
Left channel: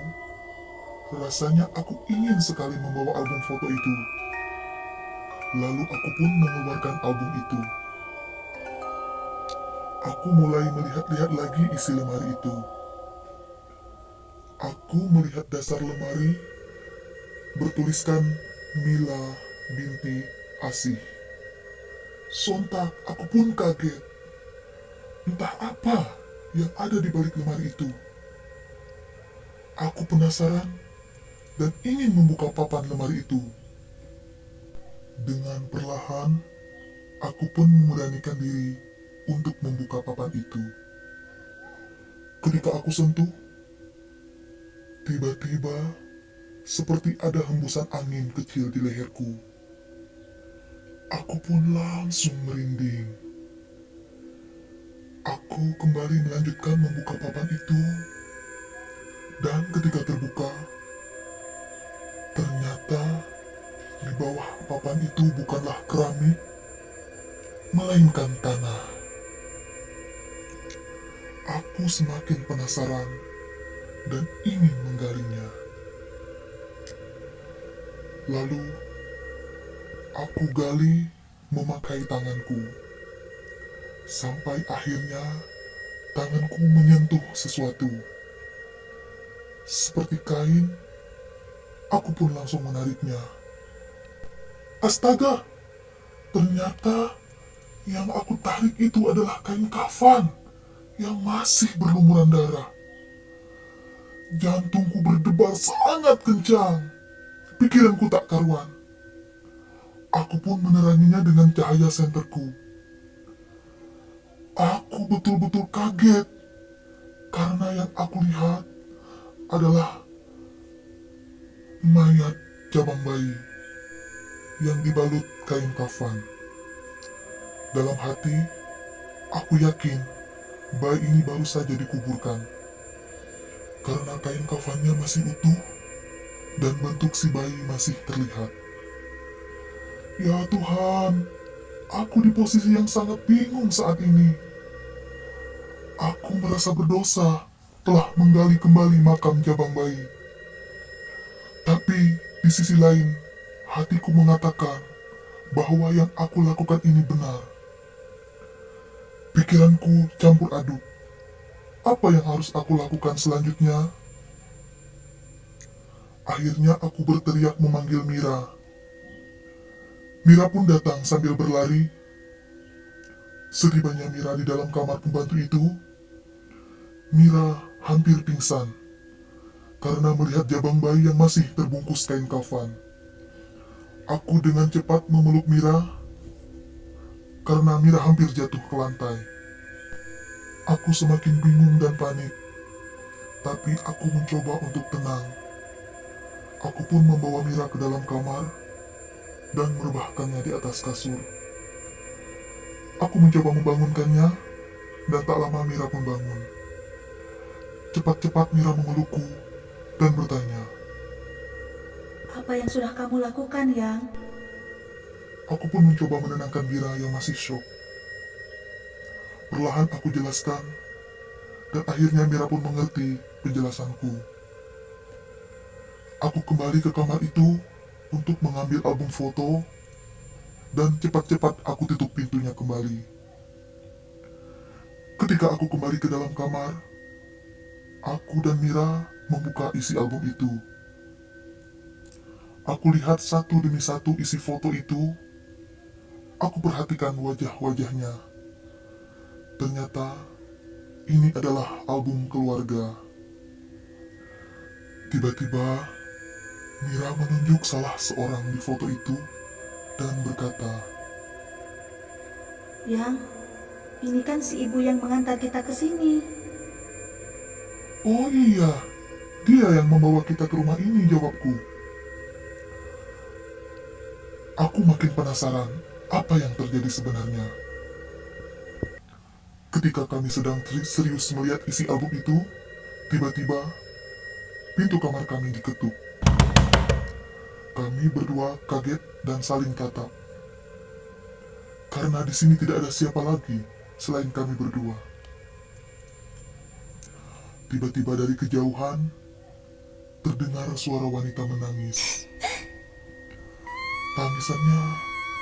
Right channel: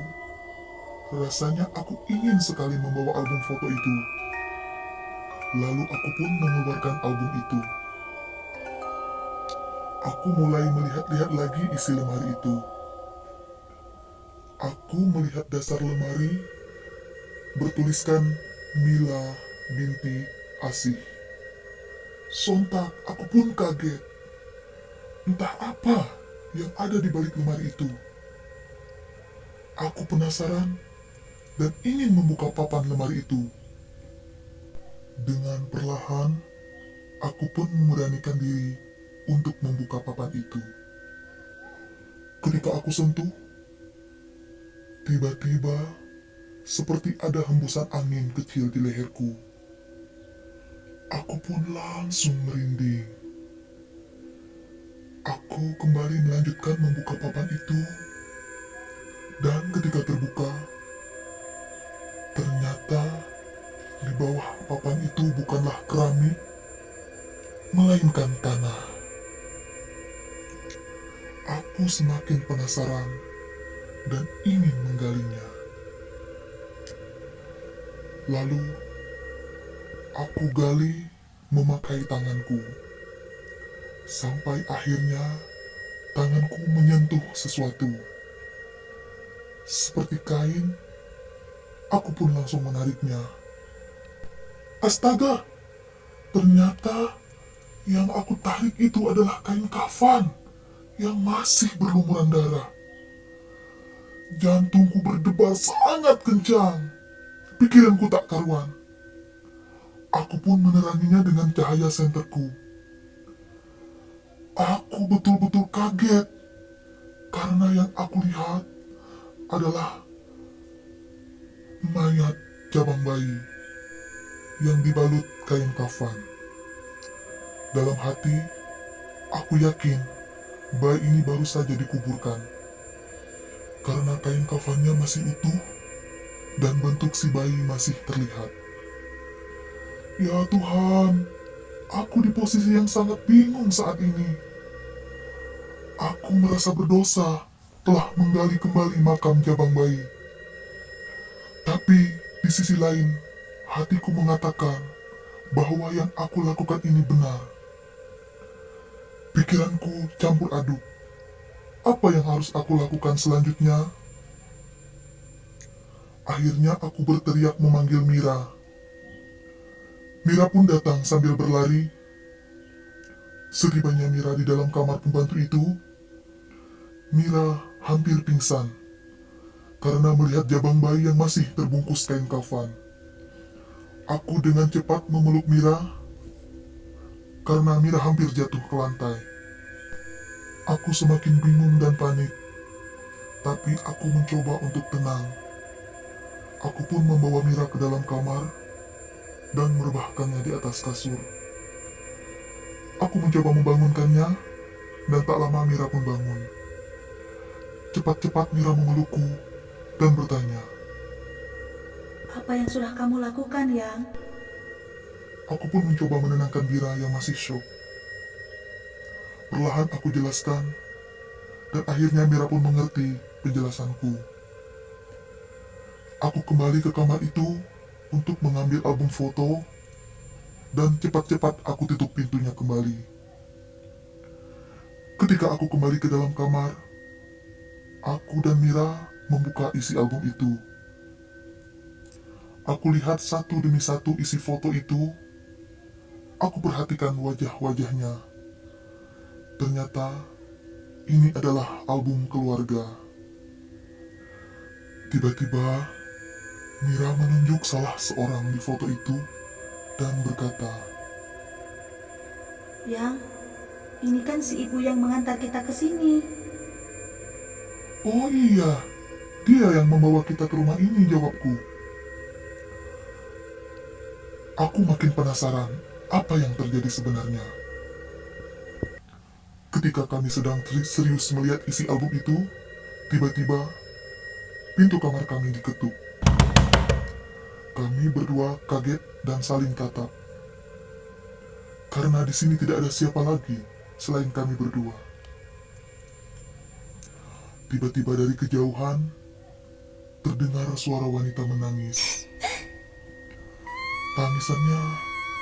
Rasanya aku ingin sekali membawa album foto itu. Lalu aku pun mengeluarkan album itu. Aku mulai melihat-lihat lagi isi lemari itu. Aku melihat dasar lemari bertuliskan Mila binti Asih. Sontak aku pun kaget. Entah apa yang ada di balik lemari itu. Aku penasaran dan ingin membuka papan lemari itu. Dengan perlahan, aku pun memberanikan diri untuk membuka papan itu. Ketika aku sentuh, tiba-tiba seperti ada hembusan angin kecil di leherku. Aku pun langsung merinding. Aku kembali melanjutkan membuka papan itu. Dan ketika terbuka, ternyata di bawah papan itu bukanlah keramik, melainkan tanah. Aku semakin penasaran dan ingin menggalinya. Lalu, aku gali memakai tanganku. Sampai akhirnya, tanganku menyentuh sesuatu. Seperti kain, aku pun langsung menariknya. Astaga, ternyata yang aku tarik itu adalah kain kafan yang masih berlumuran darah. Jantungku berdebar sangat kencang. Pikiranku tak karuan. Aku pun meneranginya dengan cahaya senterku. Aku betul-betul kaget karena yang aku lihat adalah mayat jabang bayi yang dibalut kain kafan. Dalam hati, aku yakin bayi ini baru saja dikuburkan karena kain kafannya masih utuh dan bentuk si bayi masih terlihat. Ya Tuhan, aku di posisi yang sangat bingung saat ini. Aku merasa berdosa telah menggali kembali makam Jabang Bayi. Tapi di sisi lain, hatiku mengatakan bahwa yang aku lakukan ini benar. Pikiranku campur aduk. Apa yang harus aku lakukan selanjutnya? Akhirnya aku berteriak memanggil Mira. Mira pun datang sambil berlari. Setibanya Mira di dalam kamar pembantu itu, Mira hampir pingsan karena melihat jabang bayi yang masih terbungkus kain kafan. Aku dengan cepat memeluk Mira karena Mira hampir jatuh ke lantai. Aku semakin bingung dan panik, tapi aku mencoba untuk tenang. Aku pun membawa Mira ke dalam kamar dan merebahkannya di atas kasur. Aku mencoba membangunkannya, dan tak lama Mira pun bangun. Cepat-cepat Mira memelukku dan bertanya. Apa yang sudah kamu lakukan, Yang? Aku pun mencoba menenangkan Mira yang masih syok. Perlahan aku jelaskan, dan akhirnya Mira pun mengerti penjelasanku. Aku kembali ke kamar itu untuk mengambil album foto, dan cepat-cepat aku tutup pintunya kembali. Ketika aku kembali ke dalam kamar, aku dan Mira membuka isi album itu. Aku lihat satu demi satu isi foto itu. Aku perhatikan wajah-wajahnya. Ternyata ini adalah album keluarga. Tiba-tiba Mira menunjuk salah seorang di foto itu dan berkata, Yang, ini kan si ibu yang mengantar kita ke sini. "Oh iya, dia yang membawa kita ke rumah ini," jawabku. Aku makin penasaran apa yang terjadi sebenarnya. Ketika kami sedang serius melihat isi album itu, tiba-tiba pintu kamar kami diketuk. Kami berdua kaget dan saling tatap. Karena di sini tidak ada siapa lagi selain kami berdua. Tiba-tiba dari kejauhan terdengar suara wanita menangis. Tangisannya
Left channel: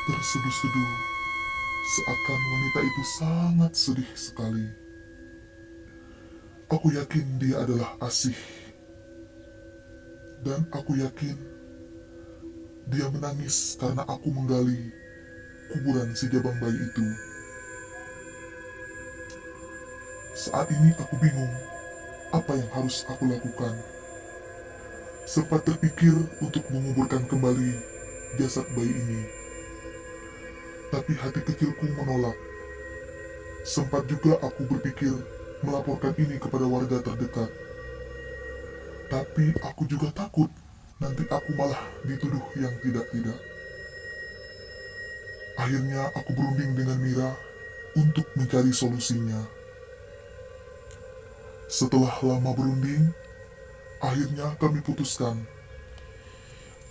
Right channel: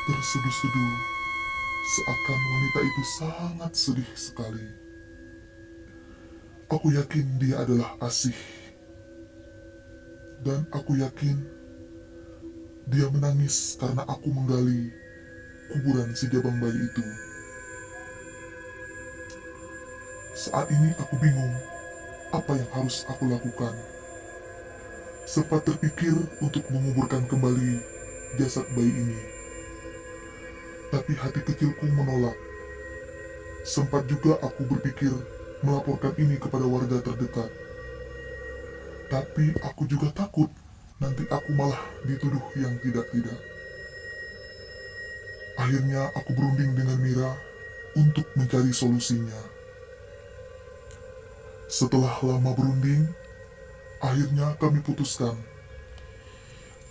terseduh-seduh, seakan wanita itu sangat sedih sekali. Aku yakin dia adalah Asih. Dan aku yakin dia menangis karena aku menggali kuburan si jabang bayi itu. Saat ini aku bingung apa yang harus aku lakukan. Sempat terpikir untuk menguburkan kembali jasad bayi ini. Tapi hati kecilku menolak. Sempat juga aku berpikir melaporkan ini kepada warga terdekat. Tapi aku juga takut nanti aku malah dituduh yang tidak-tidak. Akhirnya aku berunding dengan Mira untuk mencari solusinya. Setelah lama berunding, akhirnya kami putuskan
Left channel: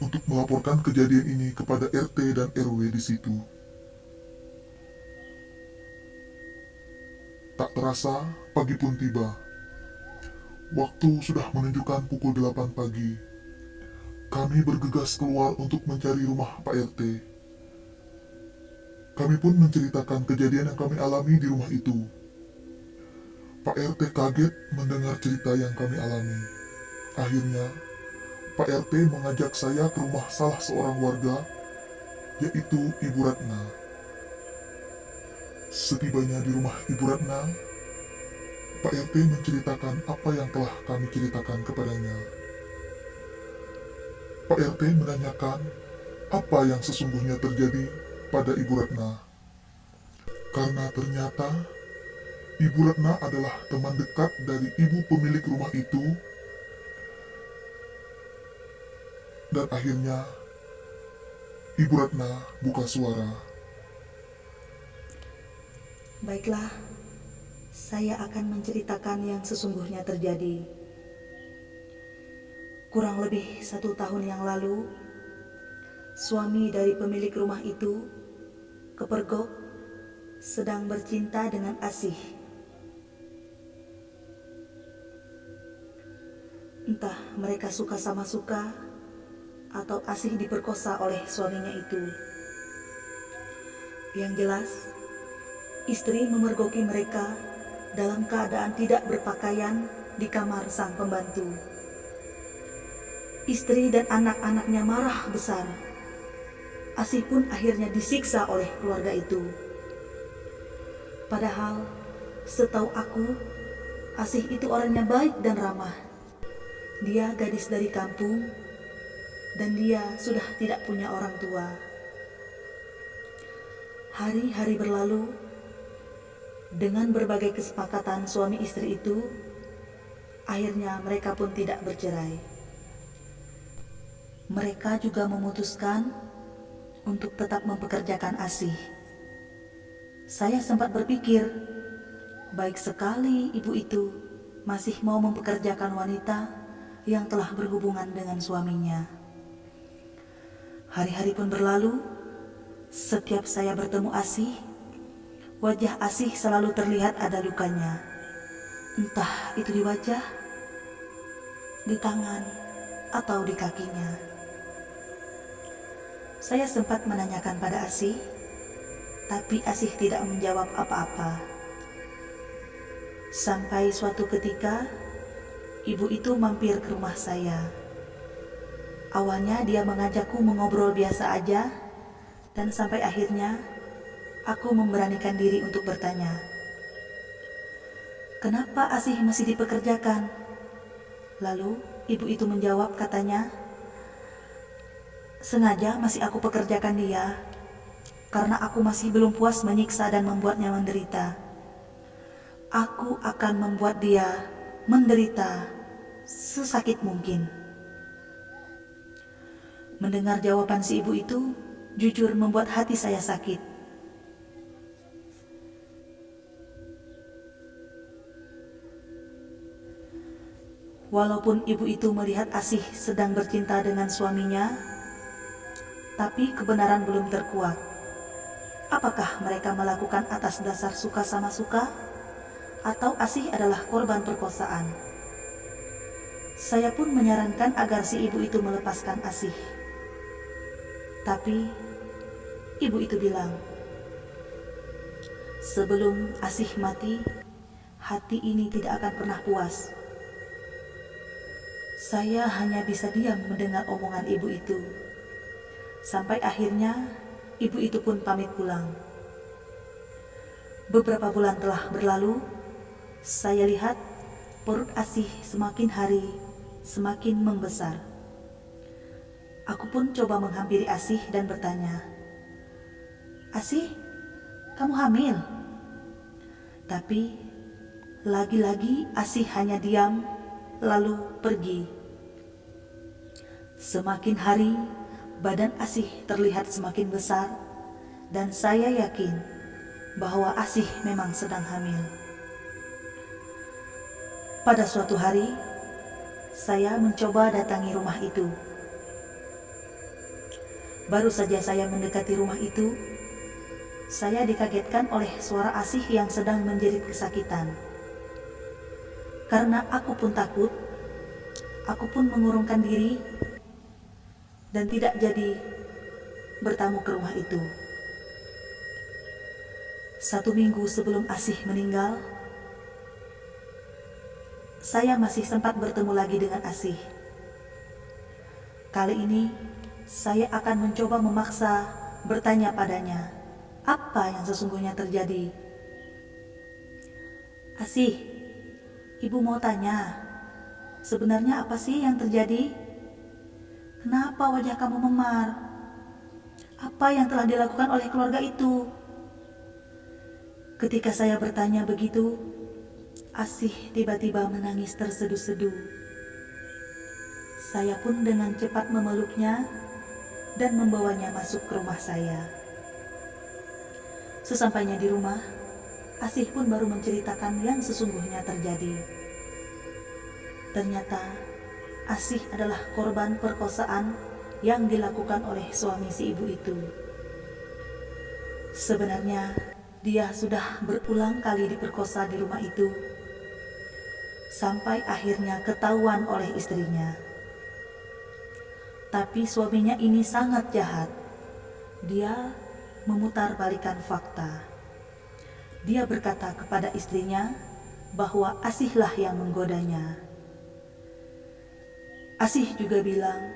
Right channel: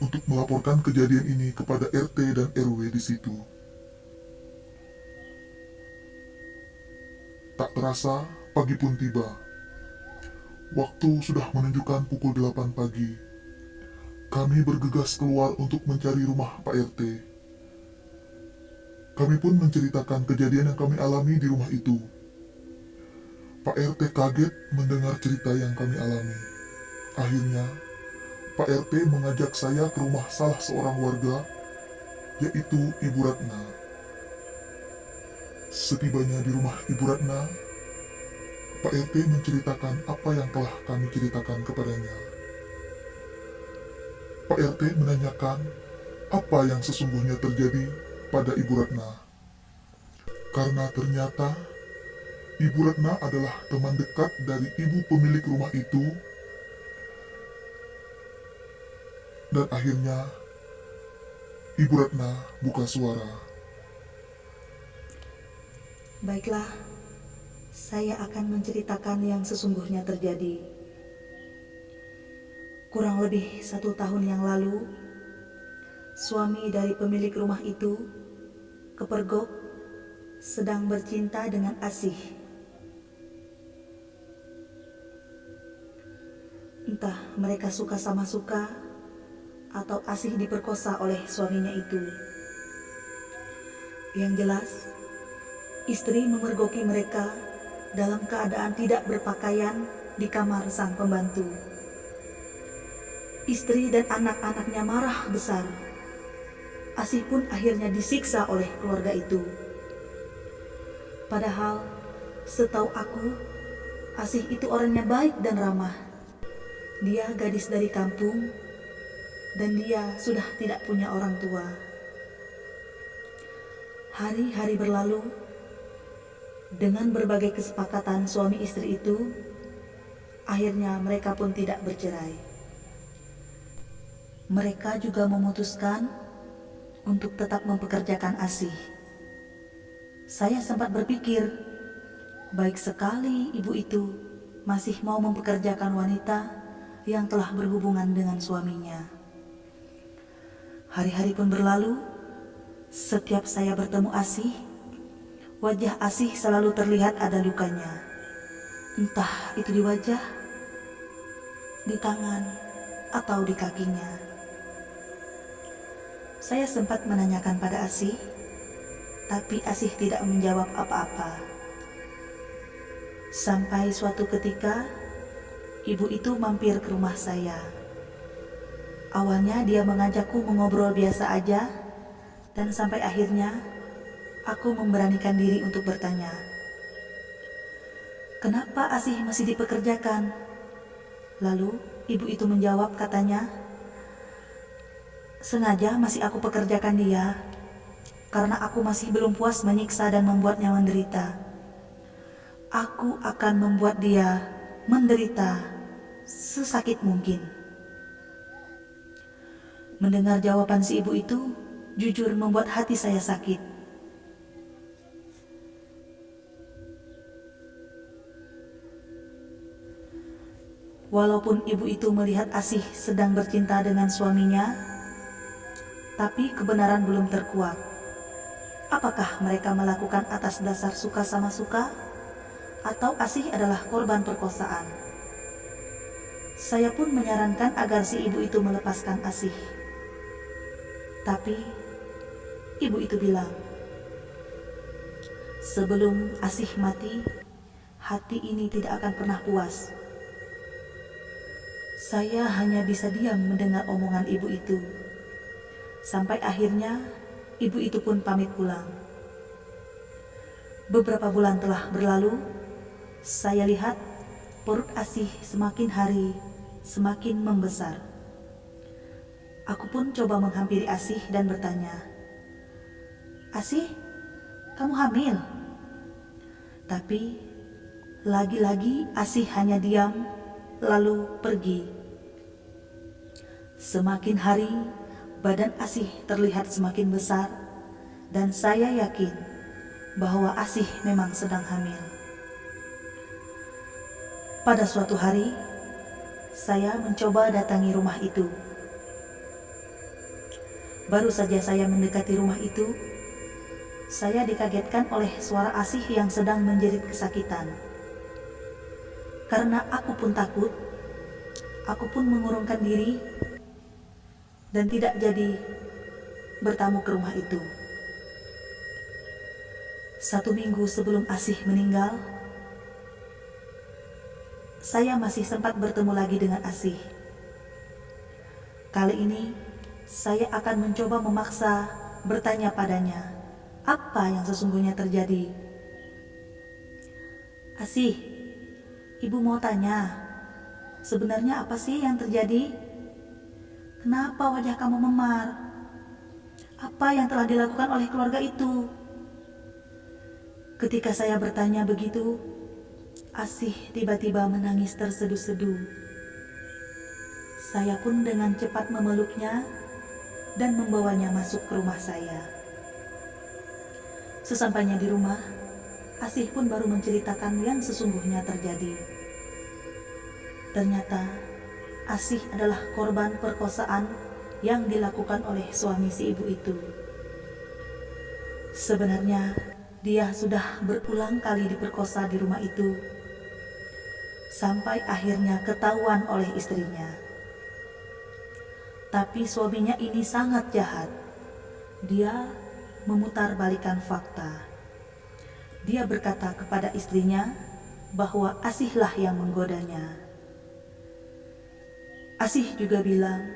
untuk melaporkan kejadian ini kepada RT dan RW di situ. Tak terasa, pagi pun tiba. Waktu sudah menunjukkan pukul 8 pagi. Kami bergegas keluar untuk mencari rumah Pak RT. Kami pun menceritakan kejadian yang kami alami di rumah itu. Pak RT kaget mendengar cerita yang kami alami. Akhirnya, Pak RT mengajak saya ke rumah salah seorang warga, yaitu Ibu Ratna. Setibanya di rumah Ibu Ratna, Pak RT menceritakan apa yang telah kami ceritakan kepadanya. Pak RT menanyakan apa yang sesungguhnya terjadi pada Ibu Ratna. Karena ternyata Ibu Ratna adalah teman dekat dari ibu pemilik rumah itu. Dan akhirnya Ibu Ratna buka suara. Baiklah, saya akan menceritakan yang sesungguhnya terjadi. Kurang lebih 1 tahun yang lalu, suami dari pemilik rumah itu, kepergok, sedang bercinta dengan Asih. Entah mereka suka sama suka atau Asih diperkosa oleh suaminya itu. Yang jelas, istri memergoki mereka dalam keadaan tidak berpakaian di kamar sang pembantu. Istri dan anak-anaknya marah besar. Asih pun akhirnya disiksa oleh keluarga itu. Padahal, setahu aku, Asih itu orangnya baik dan ramah. Dia gadis dari kampung, dan dia sudah tidak punya orang tua. Hari-hari berlalu, dengan berbagai kesepakatan suami istri itu, akhirnya mereka pun tidak bercerai. Mereka juga memutuskan untuk tetap mempekerjakan Asih. Saya sempat berpikir, baik sekali ibu itu masih mau mempekerjakan wanita yang telah berhubungan dengan suaminya. Hari-hari pun berlalu. Setiap saya bertemu Asih, wajah Asih selalu terlihat ada lukanya. Entah itu di wajah, di tangan, atau di kakinya. Saya sempat menanyakan pada Asih, tapi Asih tidak menjawab apa-apa. Sampai suatu ketika, ibu itu mampir ke rumah saya. Awalnya dia mengajakku mengobrol biasa aja, dan sampai akhirnya aku memberanikan diri untuk bertanya, "Kenapa Asih masih dipekerjakan?" Lalu ibu itu menjawab, katanya, "Sengaja masih aku pekerjakan dia, karena aku masih belum puas menyiksa dan membuatnya menderita. Aku akan membuat dia menderita sesakit mungkin." Mendengar jawaban si ibu itu, jujur membuat hati saya sakit. Walaupun ibu itu melihat Asih sedang bercinta dengan suaminya, tapi kebenaran belum terkuat. Apakah mereka melakukan atas dasar suka sama suka, atau Asih adalah korban perkosaan? Saya pun menyarankan agar si ibu itu melepaskan Asih. Tapi ibu itu bilang, "Sebelum Asih mati, hati ini tidak akan pernah puas." Saya hanya bisa diam mendengar omongan ibu itu. Sampai akhirnya ibu itu pun pamit pulang. Beberapa bulan telah berlalu, saya lihat perut Asih semakin hari semakin membesar. Aku pun coba menghampiri Asih dan bertanya, "Asih, kamu hamil?" Tapi lagi-lagi Asih hanya diam lalu pergi. Semakin hari badan Asih terlihat semakin besar, dan saya yakin bahwa Asih memang sedang hamil. Pada suatu hari, saya mencoba datangi rumah itu. Baru saja saya mendekati rumah itu, saya dikagetkan oleh suara Asih yang sedang menjerit kesakitan. Karena aku pun takut, aku pun mengurungkan diri dan tidak jadi bertamu ke rumah itu. 1 minggu sebelum Asih meninggal, saya masih sempat bertemu lagi dengan Asih. Kali ini, saya akan mencoba memaksa bertanya padanya, apa yang sesungguhnya terjadi. "Asih, ibu mau tanya, sebenarnya apa sih yang terjadi? Kenapa wajah kamu memar? Apa yang telah dilakukan oleh keluarga itu?" Ketika saya bertanya begitu, Asih tiba-tiba menangis terseduh-seduh. Saya pun dengan cepat memeluknya dan membawanya masuk ke rumah saya. Sesampainya di rumah, Asih pun baru menceritakan yang sesungguhnya terjadi. Ternyata Asih adalah korban perkosaan yang dilakukan oleh suami si ibu itu. Sebenarnya dia sudah berulang kali diperkosa di rumah itu, sampai akhirnya ketahuan oleh istrinya. Tapi suaminya ini sangat jahat. Dia memutarbalikkan fakta. Dia berkata kepada istrinya bahwa Asihlah yang menggodanya. Asih juga bilang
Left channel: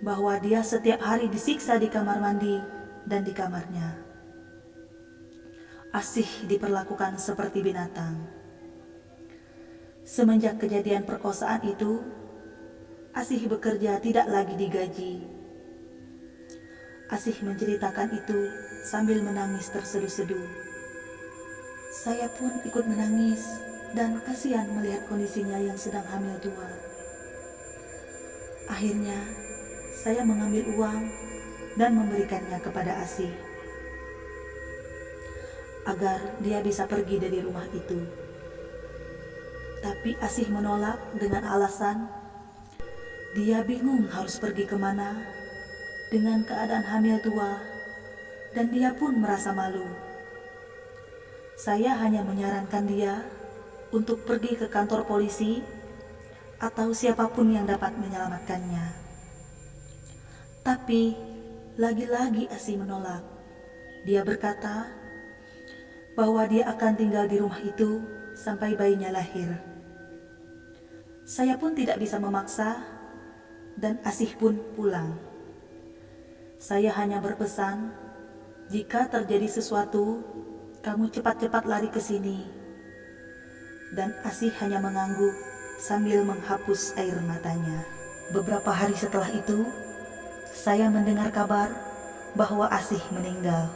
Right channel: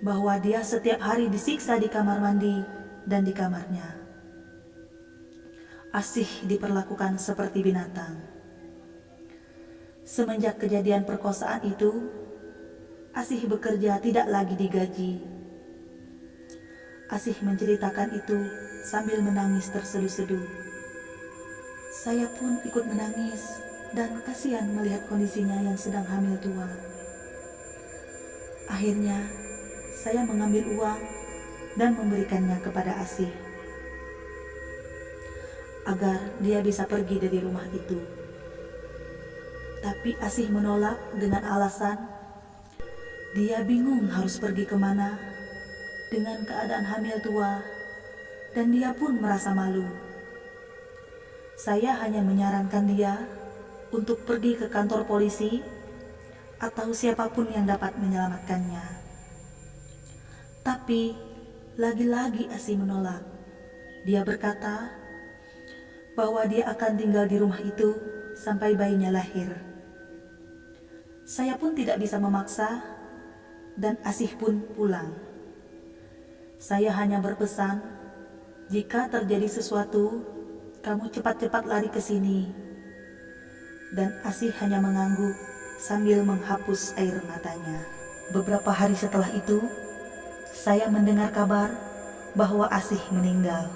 bahwa dia setiap hari disiksa di kamar mandi dan di kamarnya. Asih diperlakukan seperti binatang. Semenjak kejadian perkosaan itu, Asih bekerja tidak lagi digaji. Asih menceritakan itu sambil menangis terseduh-seduh. Saya pun ikut menangis dan kasihan melihat kondisinya yang sedang hamil tua. Akhirnya, saya mengambil uang dan memberikannya kepada Asih agar dia bisa pergi dari rumah itu. Tapi Asih menolak dengan alasan dia bingung harus pergi kemana dengan keadaan hamil tua, dan dia pun merasa malu. Saya hanya menyarankan dia untuk pergi ke kantor polisi atau siapapun yang dapat menyelamatkannya. Tapi lagi-lagi Asih menolak. Dia berkata bahwa dia akan tinggal di rumah itu sampai bayinya lahir. Saya pun tidak bisa memaksa, dan Asih pun pulang. Saya hanya berpesan, jika terjadi sesuatu, kamu cepat-cepat lari ke sini. Dan Asih hanya mengangguk sambil menghapus air matanya. Beberapa hari setelah itu, saya mendengar kabar bahwa Asih meninggal.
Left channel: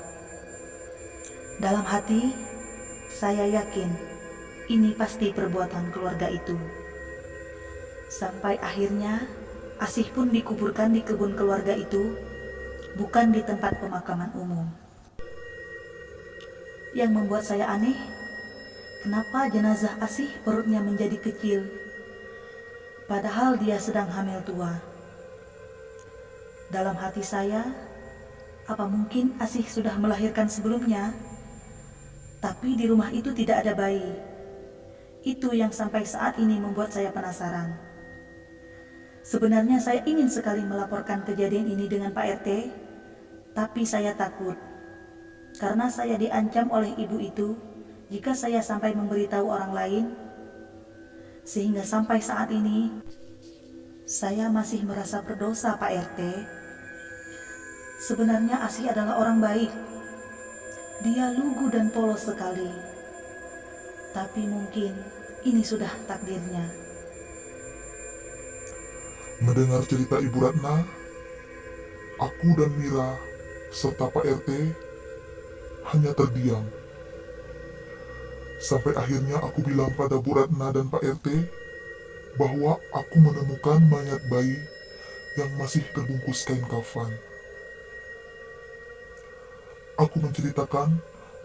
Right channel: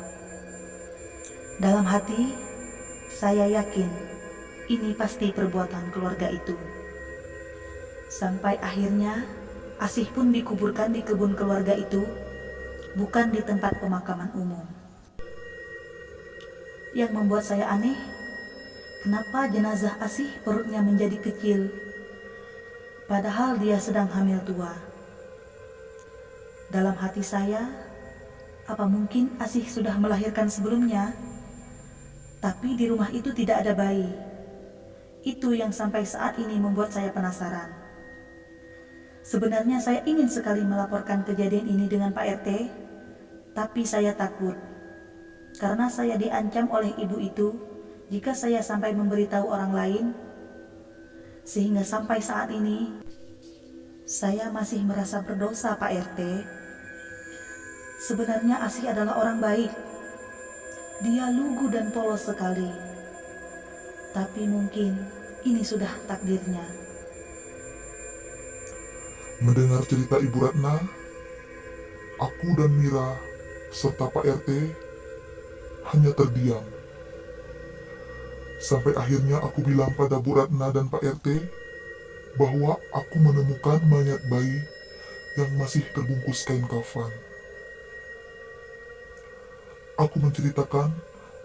Dalam hati, saya yakin ini pasti perbuatan keluarga itu. Sampai akhirnya Asih pun dikuburkan di kebun keluarga itu, bukan di tempat pemakaman umum. Yang membuat saya aneh, kenapa jenazah Asih perutnya menjadi kecil, padahal dia sedang hamil tua. Dalam hati saya, apa mungkin Asih sudah melahirkan sebelumnya? Tapi di rumah itu tidak ada bayi. Itu yang sampai saat ini membuat saya penasaran. Sebenarnya saya ingin sekali melaporkan kejadian ini dengan Pak RT, tapi saya takut. Karena saya diancam oleh ibu itu jika saya sampai memberitahu orang lain. Sehingga sampai saat ini, saya masih merasa berdosa, Pak RT. Sebenarnya Asih adalah orang baik. Dia lugu dan polos sekali. Tapi mungkin ini sudah takdirnya. Mendengar cerita Ibu Ratna, aku dan Mira serta Pak RT hanya terdiam. Sampai akhirnya aku bilang pada Bu Ratna dan Pak RT bahwa aku menemukan mayat bayi yang masih terbungkus kain kafan. Aku menceritakan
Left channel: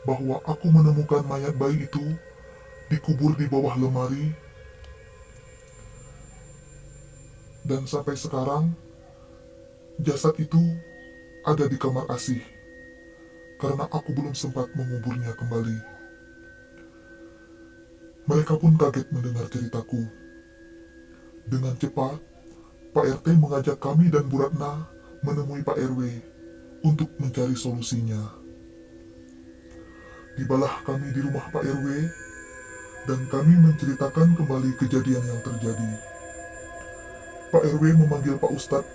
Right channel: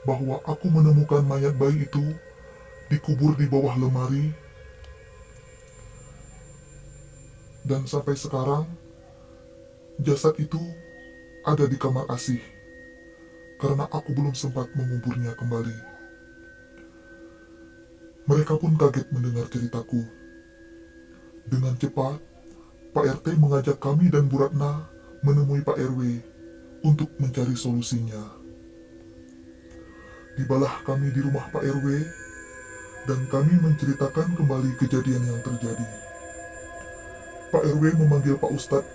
bahwa aku menemukan mayat bayi itu dikubur di bawah lemari, dan sampai sekarang jasad itu ada di kamar Asih karena aku belum sempat menguburnya kembali. Mereka pun kaget mendengar ceritaku. Dengan cepat, Pak RT mengajak kami dan Bu Ratna menemui Pak RW untuk mencari solusinya. Tibalah kami di rumah Pak RW dan kami menceritakan kembali kejadian yang terjadi. Pak RW memanggil Pak Ustadz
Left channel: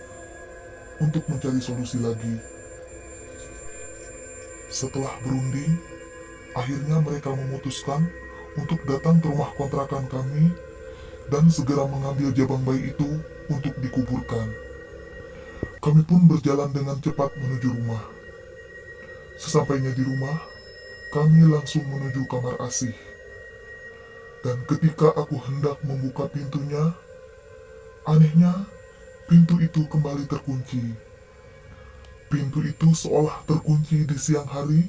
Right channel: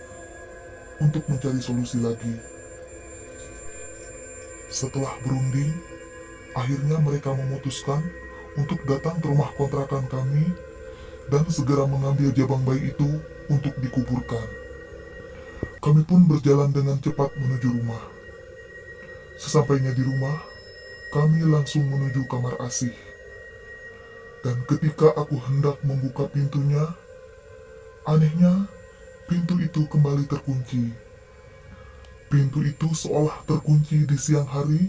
untuk mencari solusi lagi. Setelah berunding, akhirnya mereka memutuskan untuk datang ke rumah kontrakan kami dan segera mengambil jabang bayi itu untuk dikuburkan. Kami pun berjalan dengan cepat menuju rumah. Sesampainya di rumah, kami langsung menuju kamar Asih. Dan ketika aku hendak membuka pintunya, anehnya pintu itu kembali terkunci. Pintu itu seolah terkunci di siang hari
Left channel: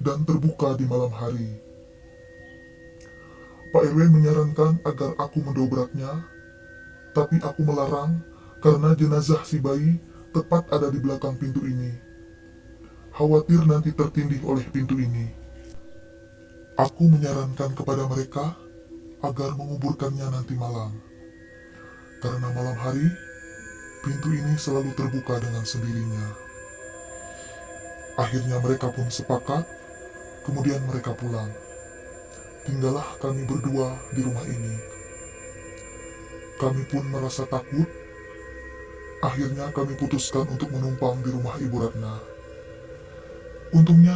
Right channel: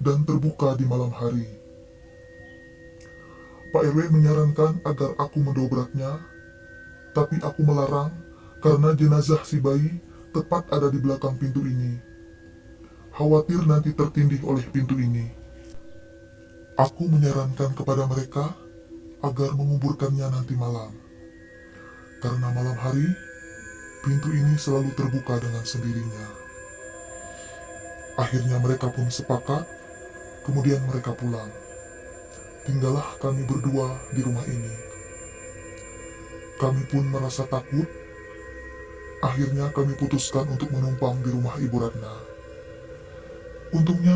dan terbuka di malam hari. Pak RW menyarankan agar aku mendobraknya, tapi aku melarang karena jenazah si bayi tepat ada di belakang pintu ini. Khawatir nanti tertindih oleh pintu ini. Aku menyarankan kepada mereka agar menguburkannya nanti malam. Karena malam hari, pintu ini selalu terbuka dengan sendirinya. Akhirnya mereka pun sepakat, kemudian mereka pulang. Tinggallah kami berdua di rumah ini. Kami pun merasa takut. Akhirnya kami putuskan untuk menumpang di rumah Ibu Ratna. Untungnya,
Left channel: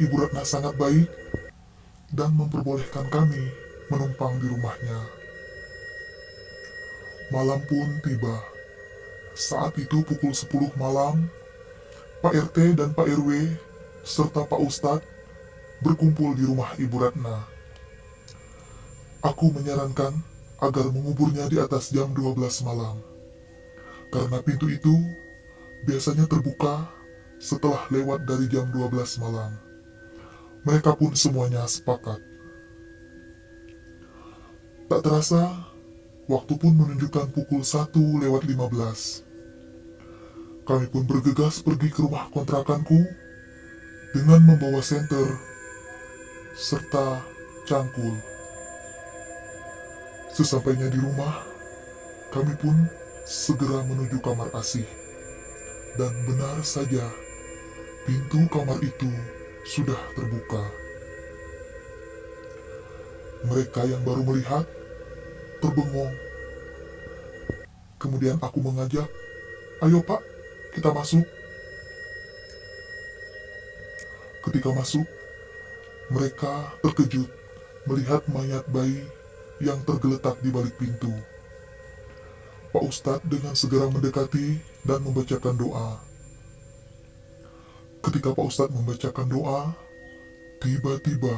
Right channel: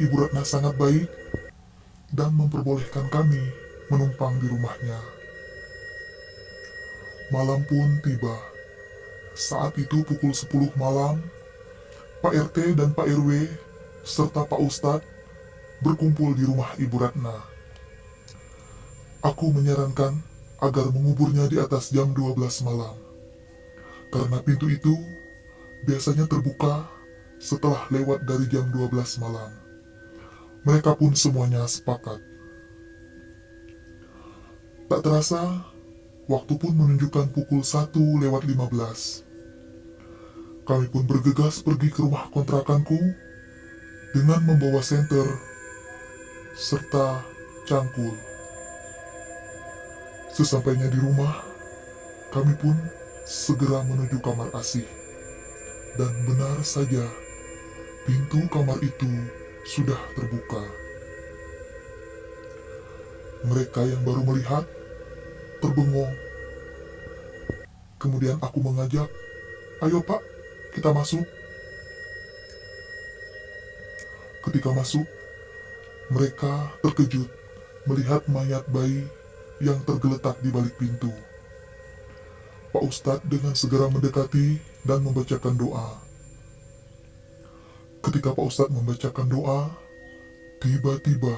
Ibu Ratna sangat baik dan memperbolehkan kami menumpang di rumahnya. Malam pun tiba. Saat itu pukul 10 malam, Pak RT dan Pak RW serta Pak Ustadz berkumpul di rumah Ibu Ratna. Aku menyarankan agar menguburnya di atas jam 12 malam. Karena pintu itu biasanya terbuka setelah lewat dari jam 12 malam. Mereka pun semuanya sepakat. Tak terasa, waktu pun menunjukkan pukul 1:15. Kami pun bergegas pergi ke rumah kontrakanku dengan membawa senter serta cangkul. Sesampainya di rumah, kami pun segera menuju kamar Asih. Dan benar saja, pintu kamar itu sudah terbuka. Mereka yang baru melihat terbengong. Kemudian aku mengajak, "Ayo Pak, kita masuk." Ketika masuk, mereka terkejut melihat mayat bayi yang tergeletak di balik pintu. Pak Ustadz dengan segera mendekati dan membacakan doa. Ketika Pak Ustadz membacakan doa, tiba-tiba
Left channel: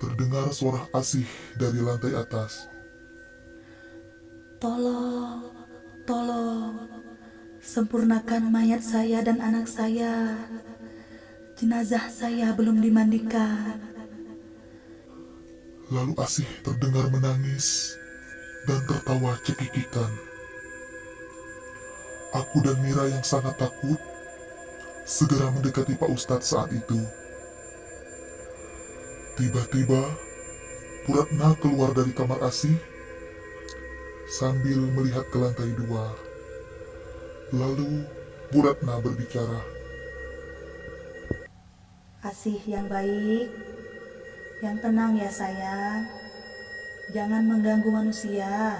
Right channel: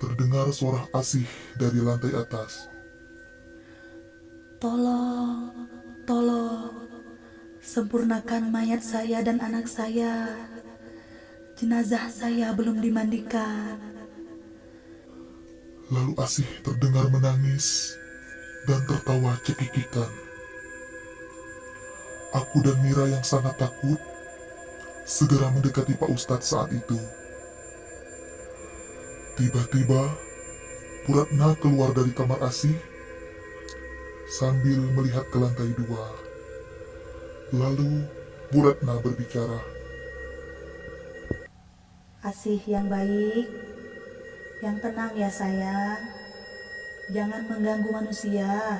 terdengar suara Asih dari lantai atas. Tolong, tolong, sempurnakan mayat saya dan anak saya. Jenazah saya belum dimandikan. Lalu Asih terdengar menangis dan tertawa cekikikan. Aku dan Mira yang sangat takut segera mendekati Pak Ustadz saat itu. Tiba-tiba, Bu Ratna keluar dari kamar Asih sambil melihat ke lantai 2. Lalu Bu Ratna berbicara. Asih yang baik, yang tenang ya sayang. Jangan mengganggu manusia.